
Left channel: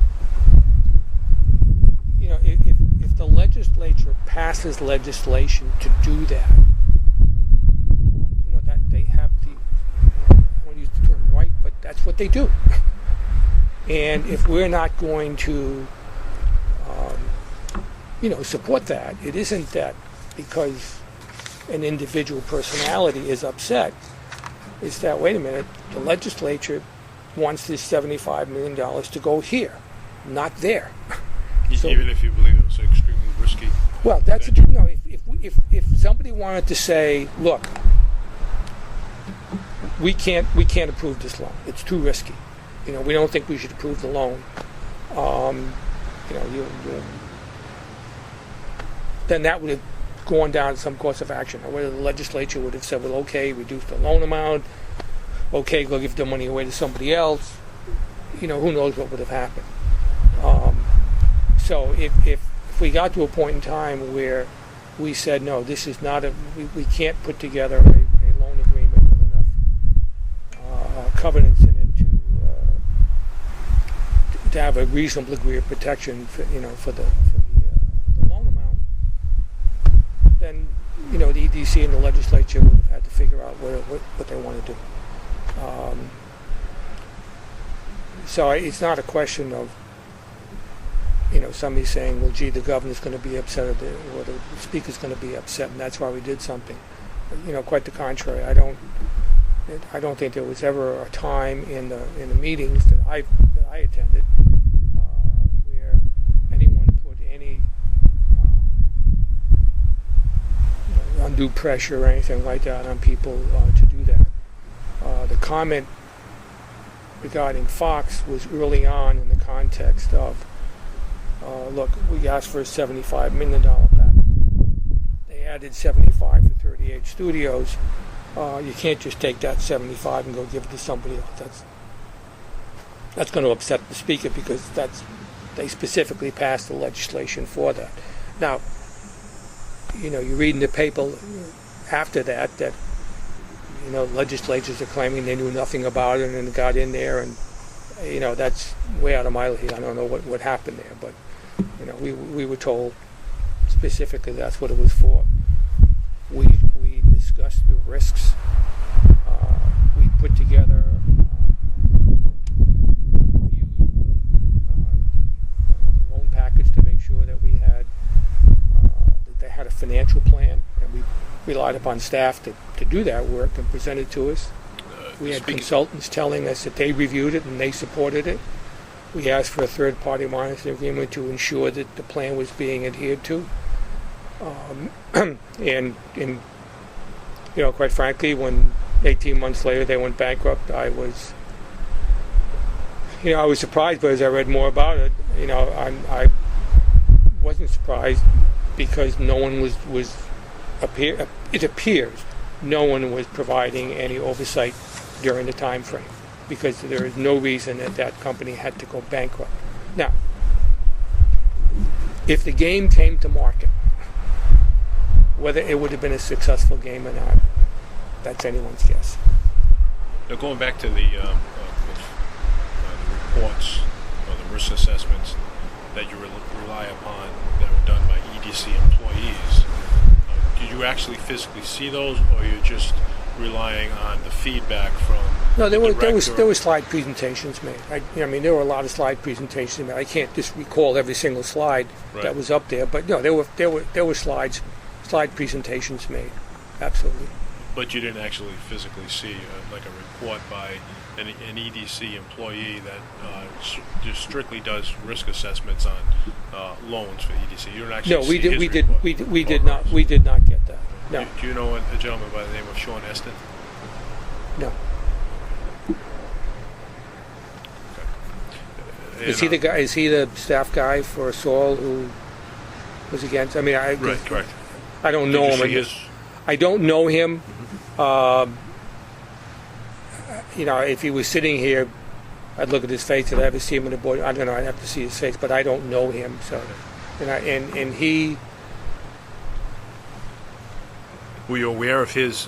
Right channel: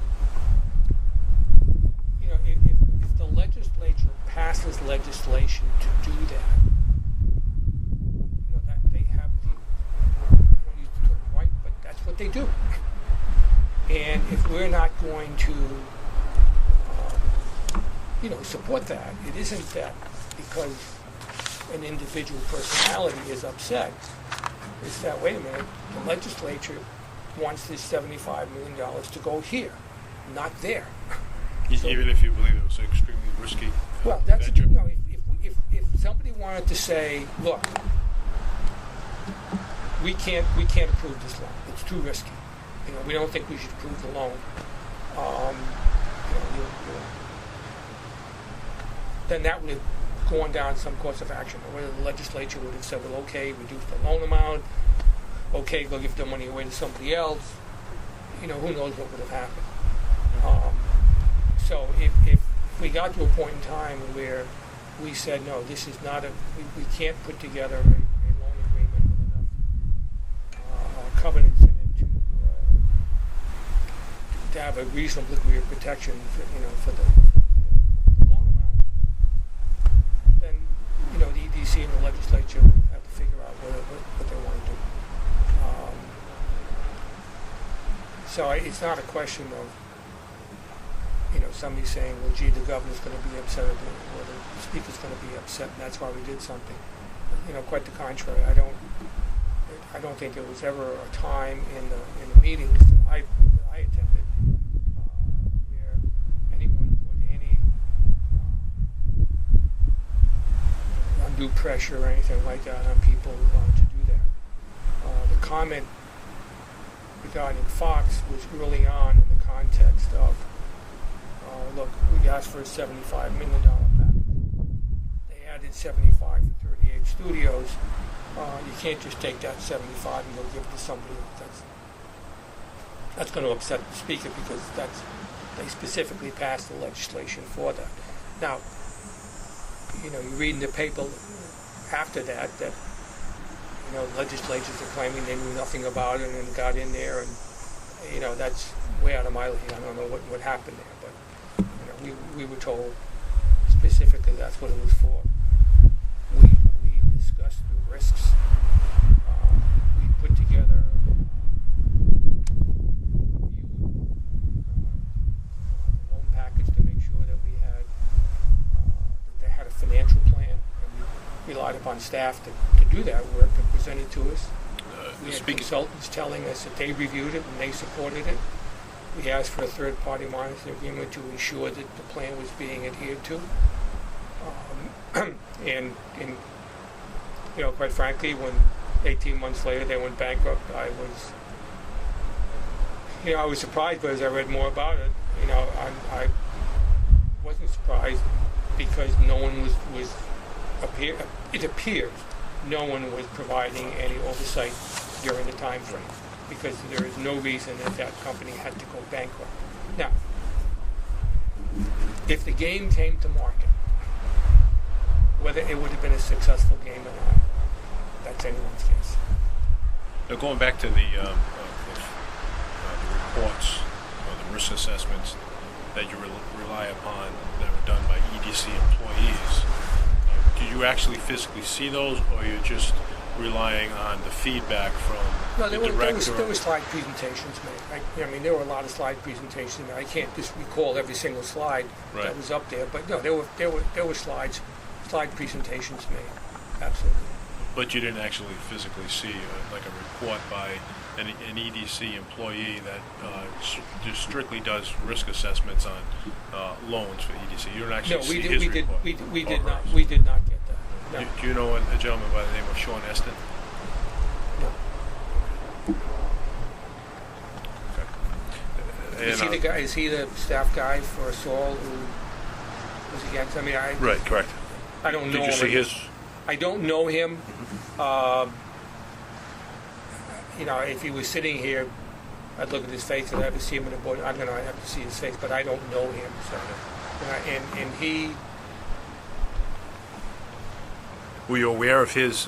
if the legislature passes legislation to do that, that they have I won't use the term right, but that's what they do. And if we're not going to, support that, it isn't that because an individual personality is upset. It's that, wait a minute, the legislature wants this $75 million to go here, not there. So, even if you believe it was extremely risky. Well, that's if somebody wanted to say, look, we can't approve this loan. It's too risky. We don't think we should approve the loan. Then that would have gone down some course of action. Or whether the legislature would have said, well, okay, reduce the loan amount. Okay, go give the money away to somebody else. Who knows what would have happened. So if we got to a point in time where we said, no, this is not we can't put together a loan agreement with enough covenants in it to have a reasonable degree of protection for the loan amount, then the EDC and the legislature would have had to figure out what they want to do. So it's not a question of somebody saying, well, gee, the governor's going to be upset or the speaker's going to be upset, and that's why we did something. But, quite the contrary. I don't think there was ever a time in the meetings that I attended where anyone put any undue pressure or anything like that on people to do that. The comment regarding Fox was early on in the context of, look, we asked for a $75 million package. They added 75 for 38 studios. You can't just take that 75 and go give it to somebody else. That's going to upset the speaker because they specifically passed the legislation for that. Now, you read in the paper after that legislatures are claiming they knew nothing about it and got in there, and that's way out of my league. I don't know what happened there, but we were told specifically that's what it was for. We discussed the risks. We put together a loan package to make sure that they had a financial plan, and we relied upon staff to do that work and present it to us. We had consultants telling us that they reviewed it and they supported it. We asked for a third-party monitoring agreement to ensure that the plan was being adhered to. And quite frankly, when 18 months later they went bankrupt, I was surprised, but as I read more about it, I wasn't surprised because no one it appears no one was providing any oversight during the time frame, because there is no reason that company had to go bankrupt. Now, if the game came to market, whether it would have been a successful game or not, that's anyone's guess. Now, going back to the reports or the risk assessments that you rely upon that were done by EDC employees, do you actually physically see those, or you're just relying on the feedback from the director? There were slide presentations made. There were a lot of slide presentations made. I can't just recall every single slide that was up there, but no, there were slide presentations made. Absolutely. But you didn't actually physically see like a report by an EDC employee that just strictly does risk assessments on loans for EDC. You don't actually see his report. We did not get that. No. Do you know a gentleman by the name of Sean Eston? No. Okay. Is he the staff guy for Saul who was against? Right, correct. I don't know him. I don't know him. Mm-hmm. If he was sitting here, I'd look at his face. I'd ever see him in the board? I don't know. I'd have to see his face, but I don't know him. So, and he. Were you aware of his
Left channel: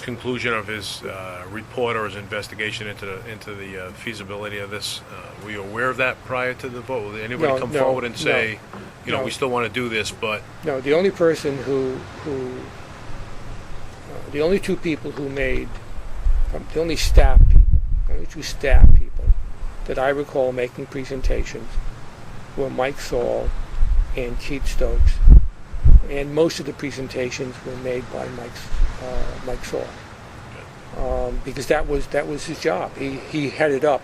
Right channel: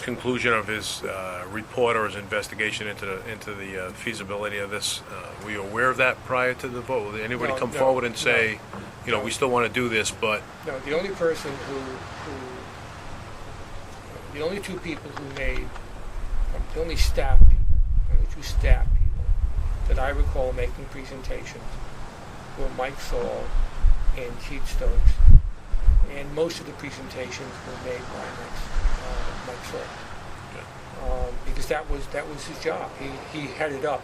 conclusion of his report or his investigation into the feasibility of this? Were you aware of that prior to the vote? Did anybody come forward and say, we still want to do this, but... No, the only person the only two people who made, the only two staff people that I recall making presentations were Mike Saul and Keith Stokes. And most of the presentations were made by Mike Saul, because that was his job. He headed up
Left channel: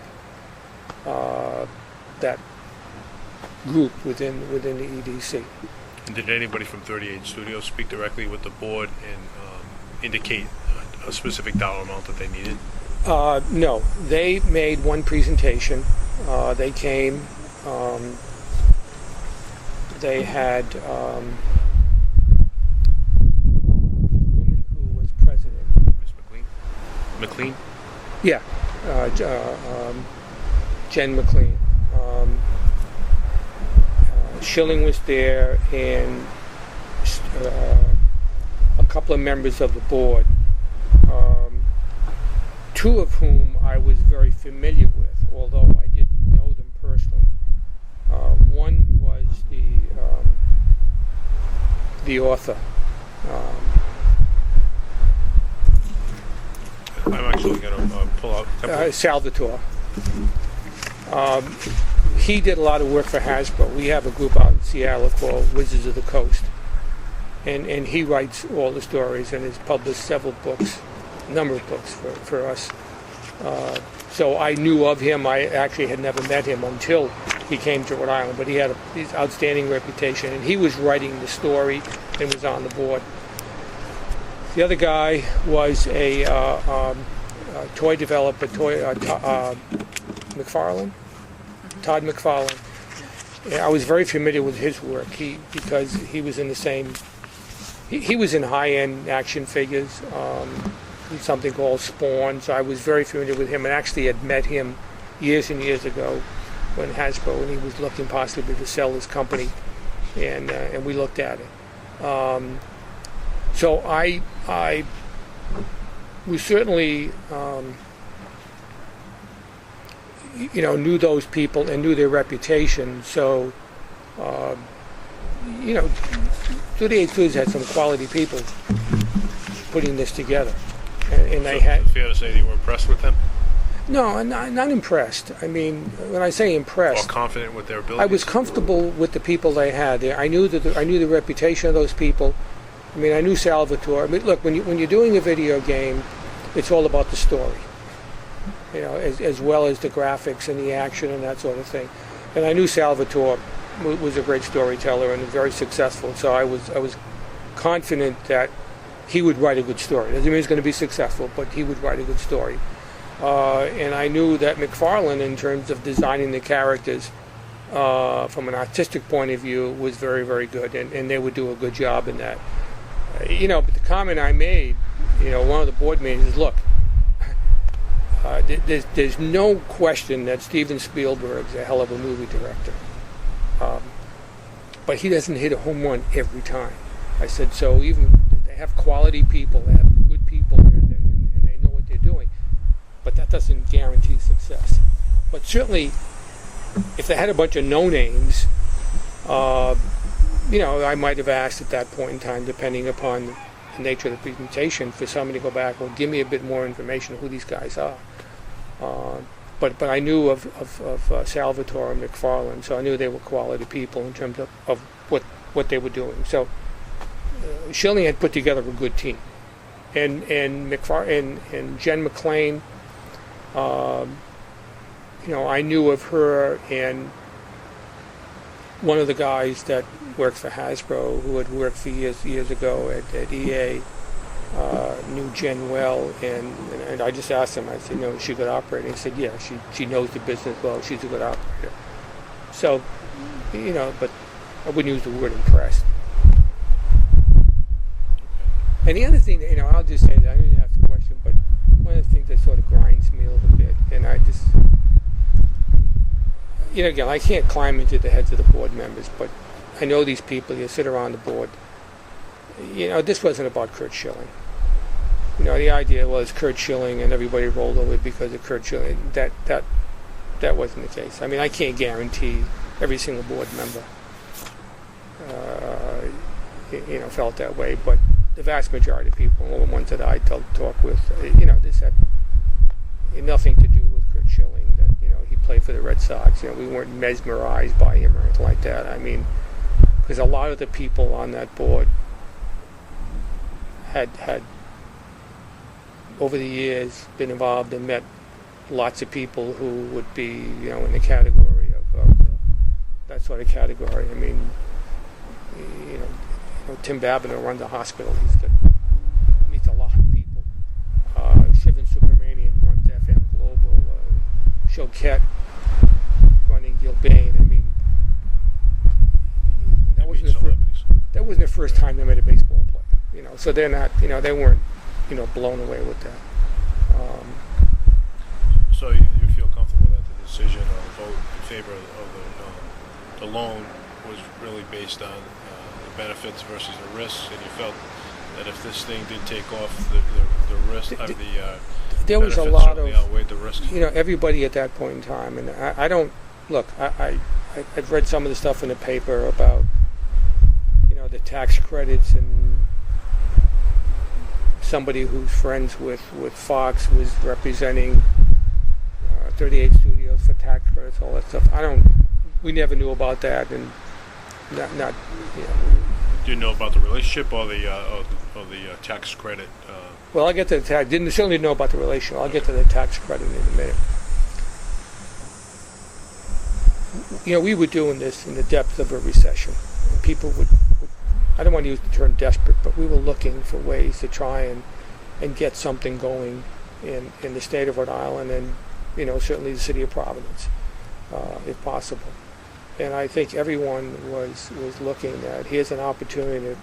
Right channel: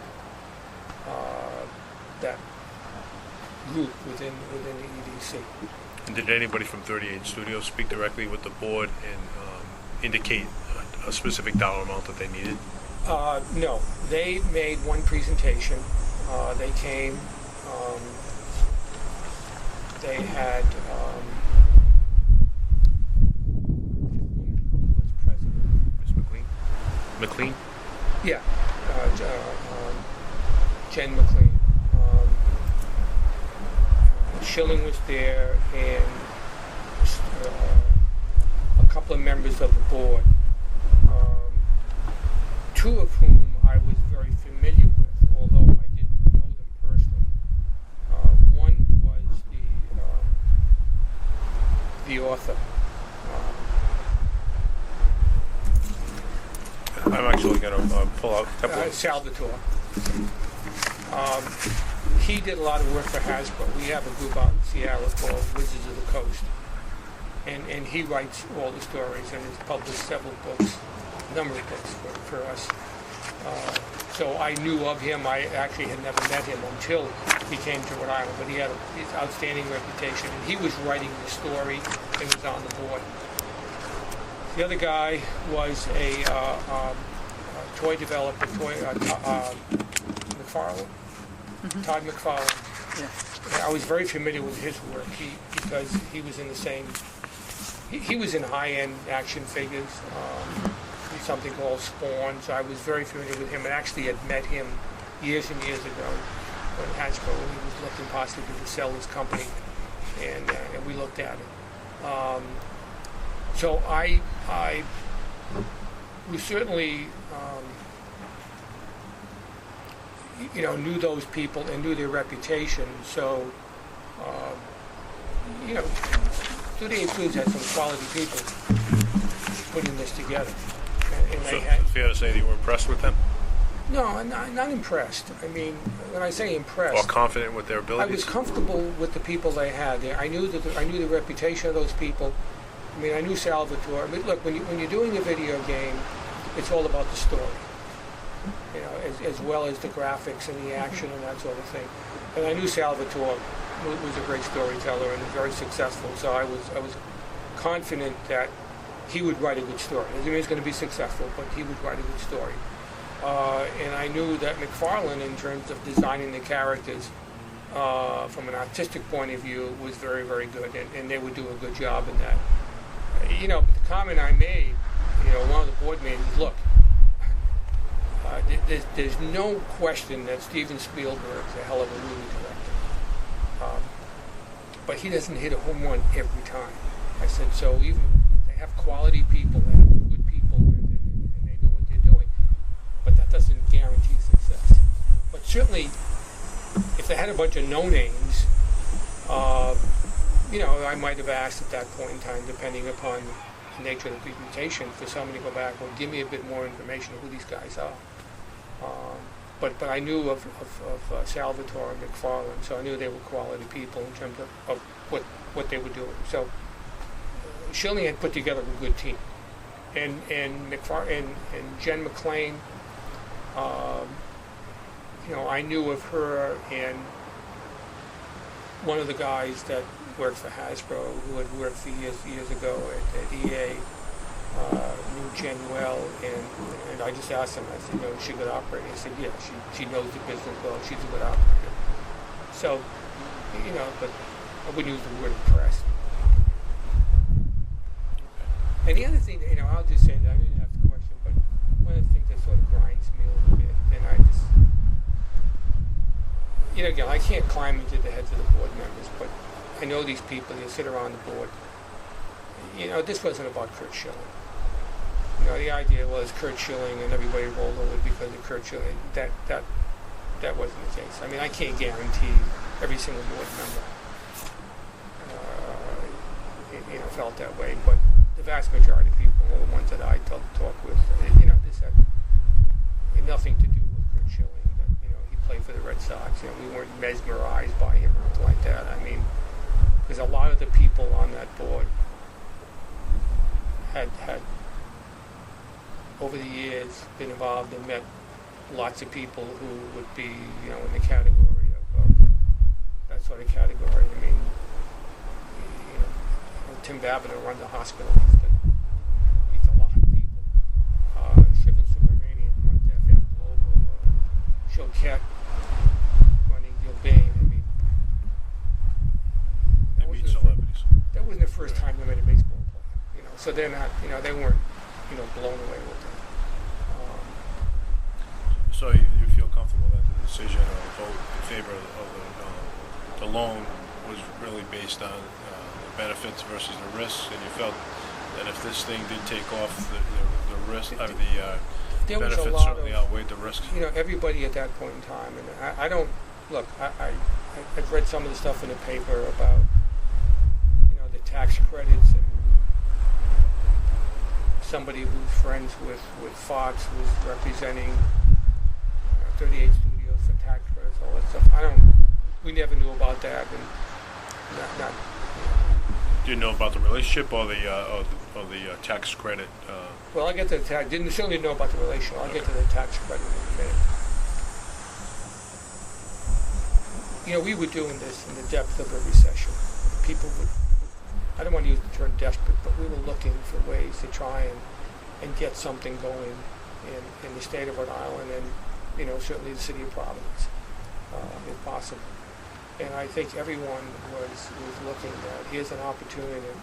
that group within the EDC. And did anybody from 38 Studios speak directly with the board and indicate a specific dollar amount that they needed? No, they made one presentation. They came. They had. McLean? Yeah, Jen McLean. Schilling was there, and a couple of members of the board, two of whom I was very familiar with, although I didn't know them personally. One was the author. I'm actually going to pull out Salvatore. He did a lot of work for Hasbro. We have a group out in Seattle called Wizards of the Coast. And he writes all the stories and has published several books, a number of books for us. So I knew of him. I actually had never met him until he came to Rhode Island, but he had his outstanding reputation, and he was writing the story and was on the board. The other guy was a toy developer, McFarlane, Todd McFarlane. Yeah. I was very familiar with his work because he was in the same. He was in high-end action figures, something called Spawn. So I was very familiar with him, and actually had met him years and years ago when he was looking possibly to sell his company. and we looked at it. So we certainly, knew those people and knew their reputation. So, Scituate Foods had some quality people putting this together, and So they had. is it fair to say that you were impressed with them? No, I'm not impressed. I mean, when I say impressed, Or confident with their abilities? I was comfortable with the people they had there. I knew the reputation of those people. I mean, I knew Salvatore. I mean, look, when you're doing a video game, it's all about the story, as well as the graphics and the action and that sort of thing. And I knew Salvatore was a great storyteller and was very successful. So I was confident that he would write a good story. Doesn't mean he's going to be successful, but he would write a good story. And I knew that McFarlane, in terms of designing the characters from an artistic point of view, was very, very good, and they would do a good job in that. But the comment I made, one of the board meetings is, look, there's no question that Steven Spielberg's a hell of a movie director. But he doesn't hit a home run every time. I said, so even they have quality people, they have good people there, and they know what they're doing. But that doesn't guarantee success. But certainly, if they had a bunch of no-names, I might have asked at that point in time, depending upon the nature of the presentation, for somebody to go back and give me a bit more information of who these guys are. But I knew of Salvatore and McFarlane, so I knew they were quality people in terms of what they were doing. So Schilling had put together a good team, and Jen McClain. I knew of her, and one of the guys that worked for Hasbro, who had worked for years ago at EA, knew Jen well, and I just asked him, I said, is she a good operator? He said, yeah, she knows the business well, she's a good operator. So, but I wouldn't use the word impressed. And the other thing, I'll just say that, I didn't ask the question, but one of the things that sort of grinds me a little bit, and I just, again, I can't climb into the heads of the board members, but I know these people, you sit around the board. This wasn't about Curt Schilling. The idea was Curt Schilling and everybody rolled over because of Curt Schilling. That wasn't the case. I mean, I can't guarantee every single board member, felt that way, but the vast majority of people, all the ones that I talk with, this had nothing to do with Curt Schilling. That he played for the Red Sox. We weren't mesmerized by him or anything like that. I mean, because a lot of the people on that board had over the years been involved and met lots of people who would be in the category of that sort of category. I mean, Tim Babineau runs a hospital. Meets a lot of people. Shivan Subramanian runs FM Global. Choquette running Gilbane. I mean, that wasn't the first time they met a baseball player. So they're not. They weren't. Blown away with that. So you feel comfortable that the decision or the vote in favor of the loan was really based on the benefits versus the risks, and you felt that if this thing did take off, the risk of the there was benefits a lot certainly outweighed the risks. Everybody at that point in time, and I don't look. I've read some of the stuff in the paper about the tax credits, and somebody who's friends with Fox was representing 38 studios for tax credits, all that stuff. We never knew about that, and not. Do you know about the relationship or the tax credit? Well, I'll get to the tax. Certainly know about the relationship. I'll get to the tax credit in a minute. We were doing this in the depth of a recession. People would. I don't want to use the term desperate, but we were looking for ways to try and get something going in the state of Rhode Island, and certainly the city of Providence, if possible. And I think everyone was looking at, here's an opportunity to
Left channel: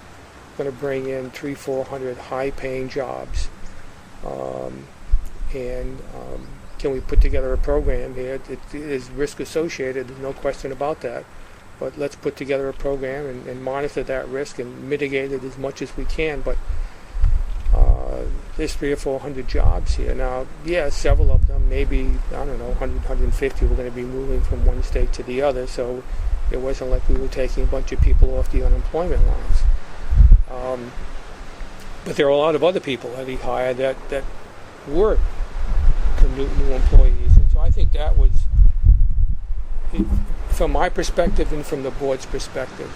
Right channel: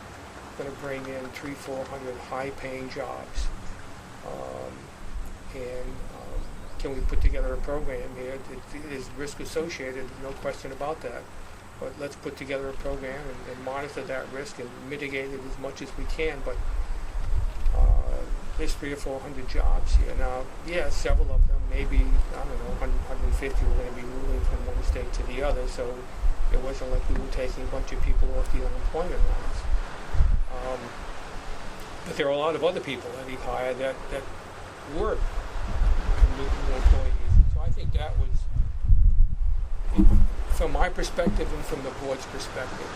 going to bring in 300-400 high-paying jobs, and can we put together a program here that is risk associated? There's no question about that. but let's put together a program and monitor that risk and mitigate it as much as we can. But there's 300 or 400 jobs here. Now, yeah, several of them, maybe, I don't know, 100, 150 were going to be moving from one state to the other, so it wasn't like we were taking a bunch of people off the unemployment lines. But there are a lot of other people that he hired that were new employees. And so I think that was, from my perspective and from the board's perspective,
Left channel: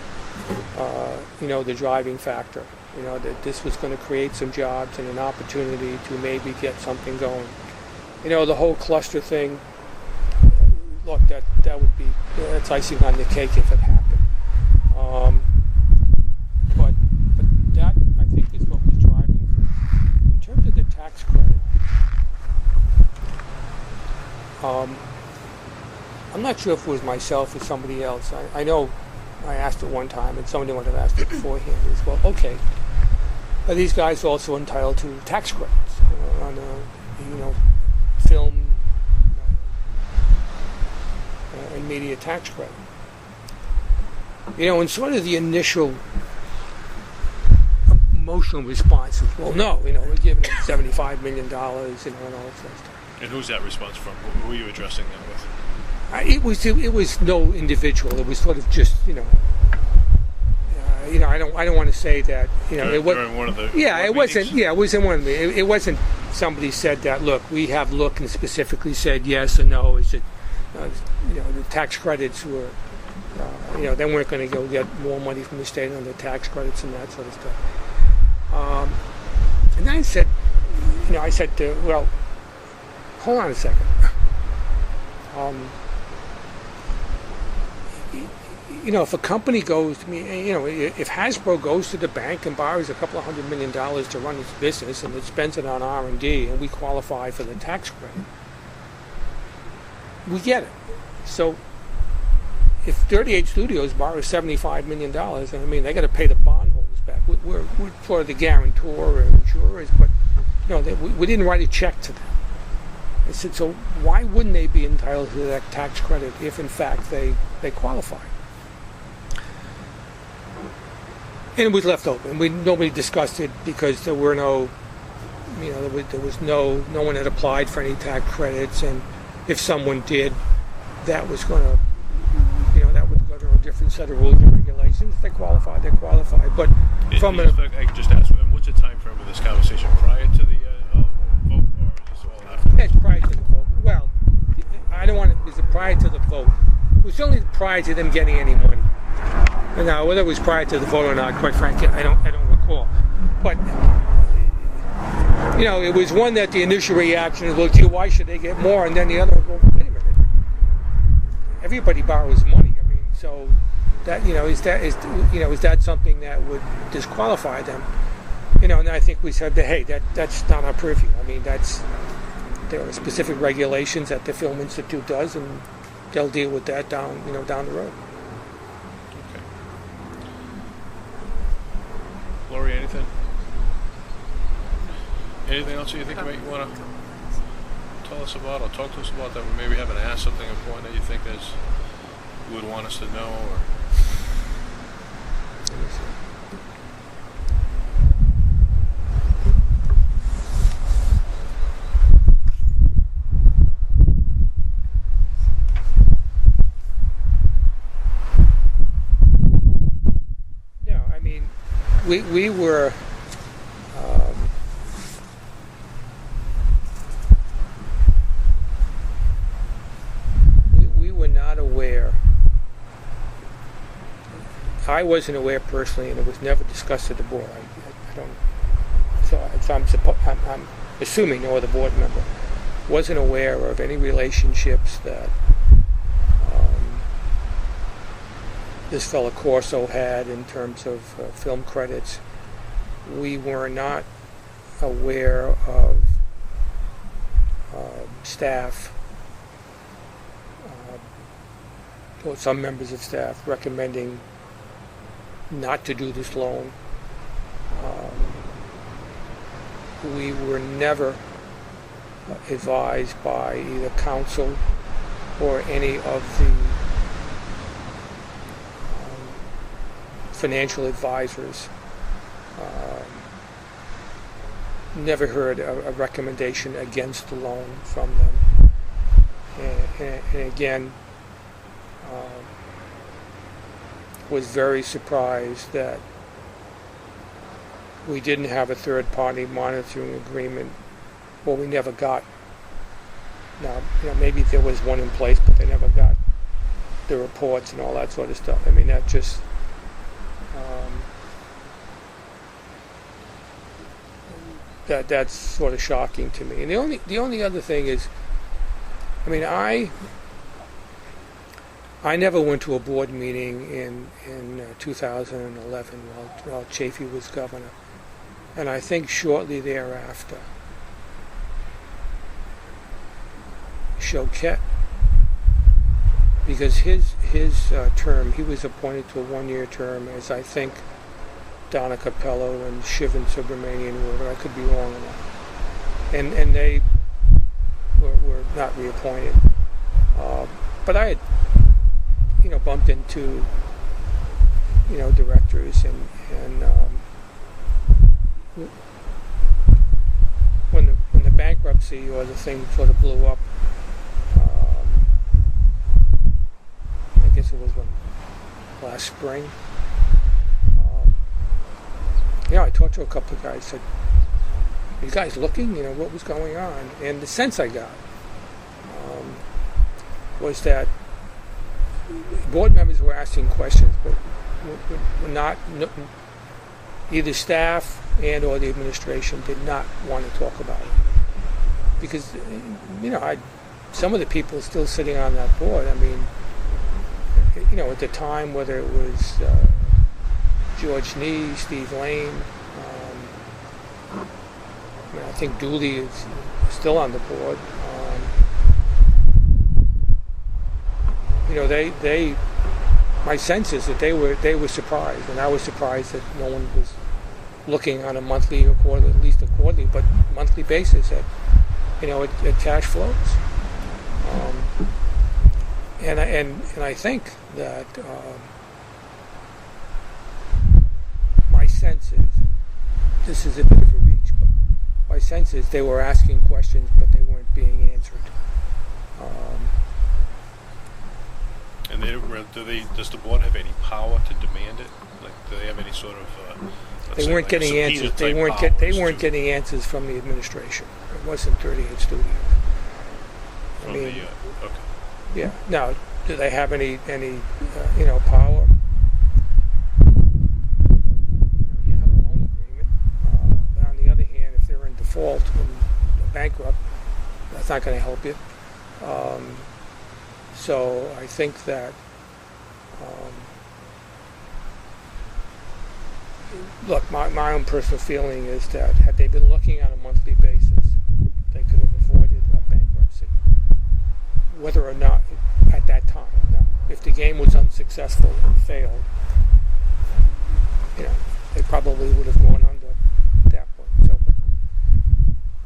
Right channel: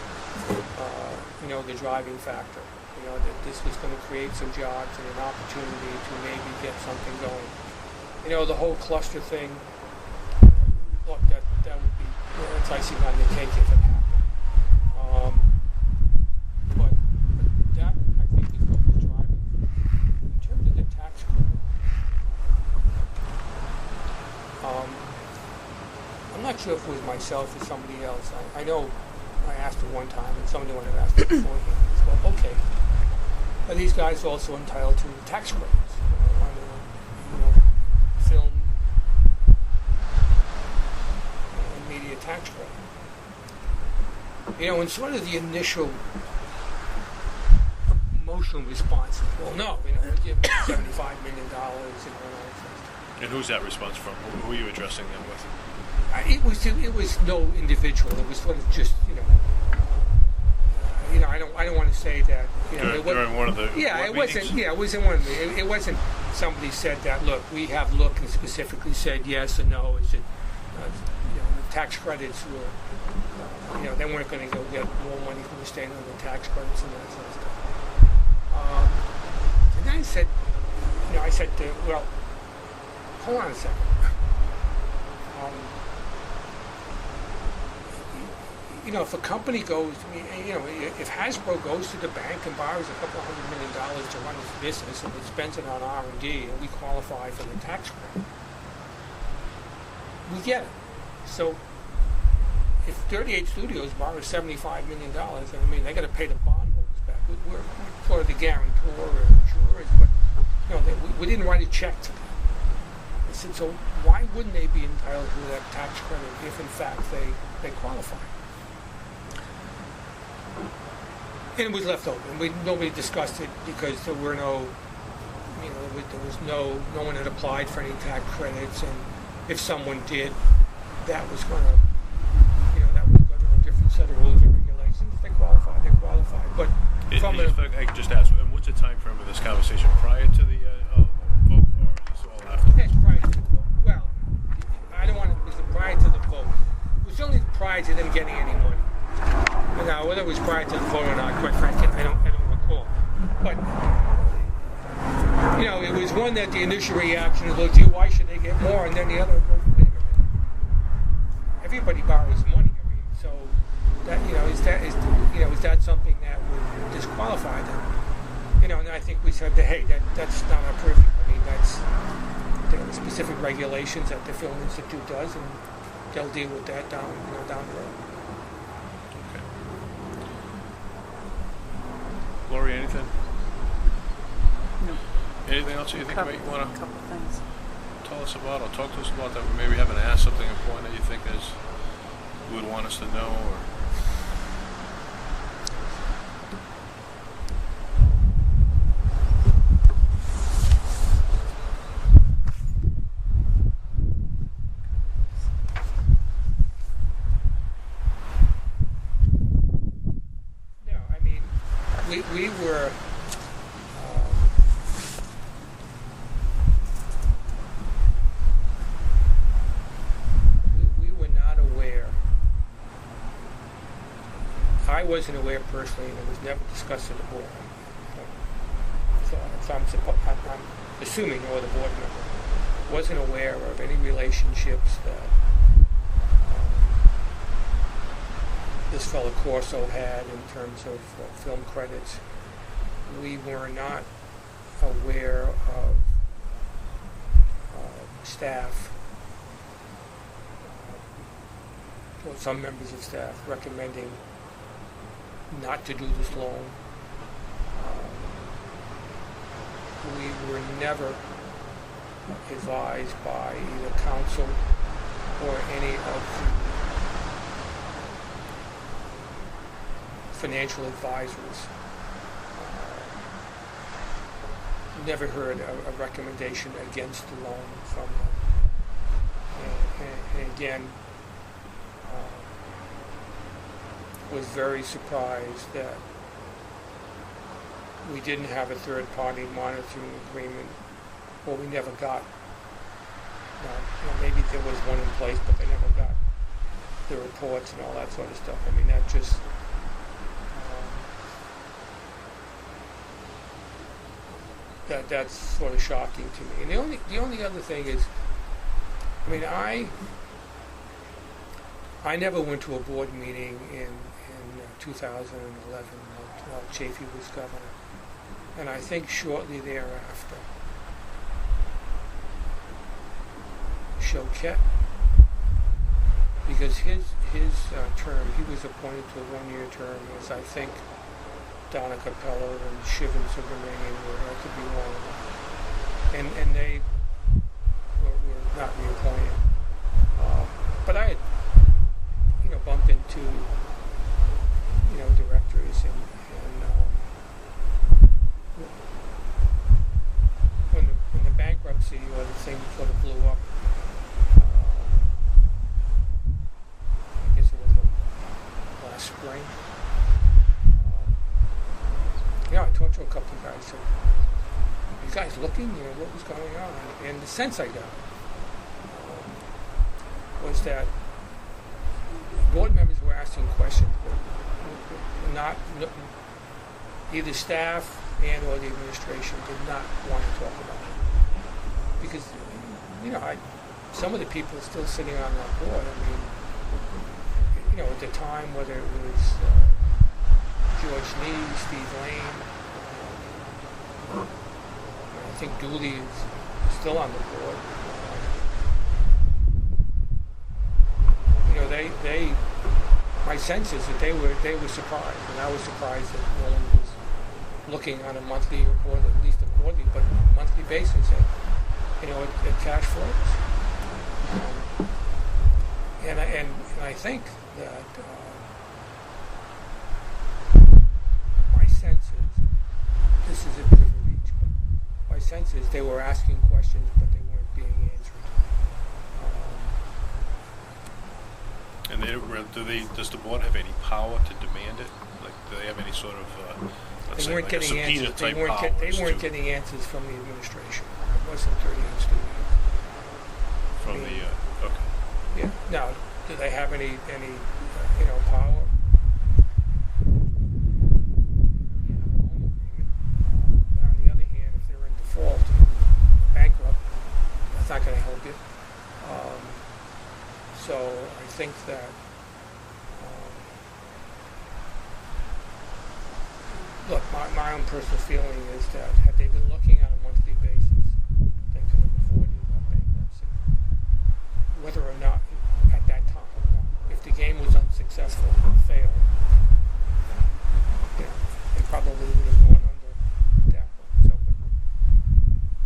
the driving factor. That this was going to create some jobs and an opportunity to maybe get something going. The whole cluster thing, look, that would be, that's icing on the cake if it happened. But that, I think, is what was driving. In terms of the tax credit, I'm not sure if it was myself or somebody else. I know I asked it one time, and somebody would have asked it beforehand as well. Okay, are these guys also entitled to tax credits on film and media tax credit? And sort of the initial emotional response is, well, no, we're giving them $75 million, and all that stuff. And who's that response from? Who are you addressing that with? It was no individual. It was sort of just I don't want to say that it was during one of the it wasn't meetings? It was in one of the it wasn't somebody said that, look, we have looked and specifically said yes or no. Is it the tax credits were they weren't going to go get more money from the state on the tax credits and that sort of stuff. And then I said well, hold on a second. If a company goes, if Hasbro goes to the bank and borrows a couple of $100 million to run its business and it spends it on R&D and we qualify for the tax credit, we get it. So if 38 Studios borrows $75 million, they got to pay the bondholders back. We're sort of the guarantor and insurers, but we didn't write a check to them. I said, so why wouldn't they be entitled to that tax credit if in fact they qualify? And it was left open. Nobody discussed it because there were no, there was no one had applied for any tax credits, and if someone did, that was going to, that was go to a different set of rules and regulations. If they qualified, they qualified. But I can just ask, what's the time frame of this conversation? Prior to the vote, or is this all after? Yes, prior to the vote. Well, I don't want to. It was prior to the vote. It was only prior to them getting any money. Now, whether it was prior to the vote or not, quite frankly, I don't recall. But it was one that the initial reaction is, well, gee, why should they get more? And then the other, well, wait a minute. Everybody borrows money. So that is that something that would disqualify them? And I think we said that, hey, that's not our purview. There are specific regulations that the Film Institute does, and they'll deal with that down the road. Okay. Lori, anything? Anything else you think you want to tell us about or talk to us about that we maybe haven't asked, something important that you think you would want us to know? Or we were we were not aware. I wasn't aware personally, and it was never discussed at the board. I'm assuming no other board member wasn't aware of any relationships that this fellow Corso had in terms of film credits. We were not aware of staff, or some members of staff recommending not to do this loan. We were never advised by either counsel or any of the financial advisors. Never heard a recommendation against the loan from them. And again, was very surprised that we didn't have a third-party monitoring agreement, or we never got. Now, maybe there was one in place, but they never got the reports and all that sort of stuff. I mean, that just that's sort of shocking to me. And the only other thing is, I mean, I never went to a board meeting in 2011 while Chafee was governor, and I think shortly thereafter, Choquette, because his term, he was appointed to a one-year term, as I think Donna Capello and Shivan Subramanian were. I could be wrong on that. And they were not reappointed. But I had, bumped into, directors and when the bankruptcy or the thing sort of blew up, I guess it was last spring. I talked to a couple of guys. Said, "Are you guys looking? What was going on?" And the sense I got was that board members were asking questions, but not either staff and or the administration did not want to talk about it, because some of the people are still sitting on that board. I mean, at the time, whether it was George Nee, Steve Lane, I think Dooley is still on the board. My sense is that they were surprised, and I was surprised that no one was looking on a monthly or quarterly, at least a quarterly, but monthly basis at cash flows. And I think that my sense is, this is a bit of a reach, but my sense is they were asking questions, but they weren't being answered. And does the board have any power to demand it? Like, do they have any sort of they weren't getting answers. They weren't getting answers from the administration. It wasn't 38 Studios. Okay. Yeah. Now, do they have any power? You have a loan agreement. But on the other hand, if they're in default and bankrupt, that's not going to help you. So I think that, look, my own personal feeling is that had they been looking on a monthly basis, they could have avoided a bankruptcy. Whether or not at that time. Now, if the game was unsuccessful and failed, they probably would have gone under at that point. So, but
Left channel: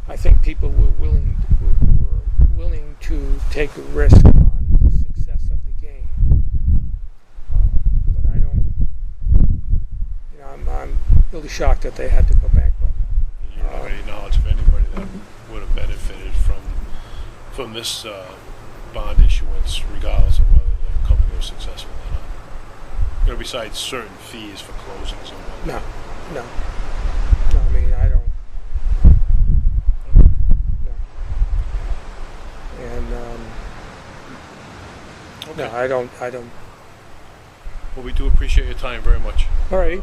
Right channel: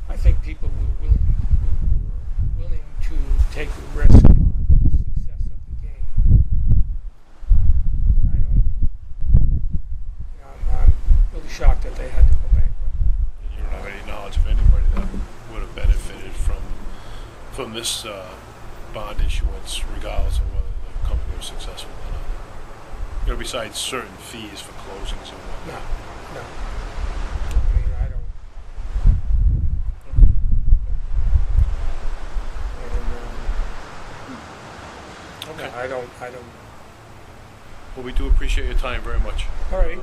I think people were willing to take a risk on the success of the game. But I don't, I'm really shocked that they had to go bankrupt. You don't have any knowledge of anybody that would have benefited from this bond issuance, regardless of whether the company was successful or not? Besides certain fees for closings and whatnot. No, I mean, I don't. Okay. No, I don't. Well, we do appreciate your time very much. All right.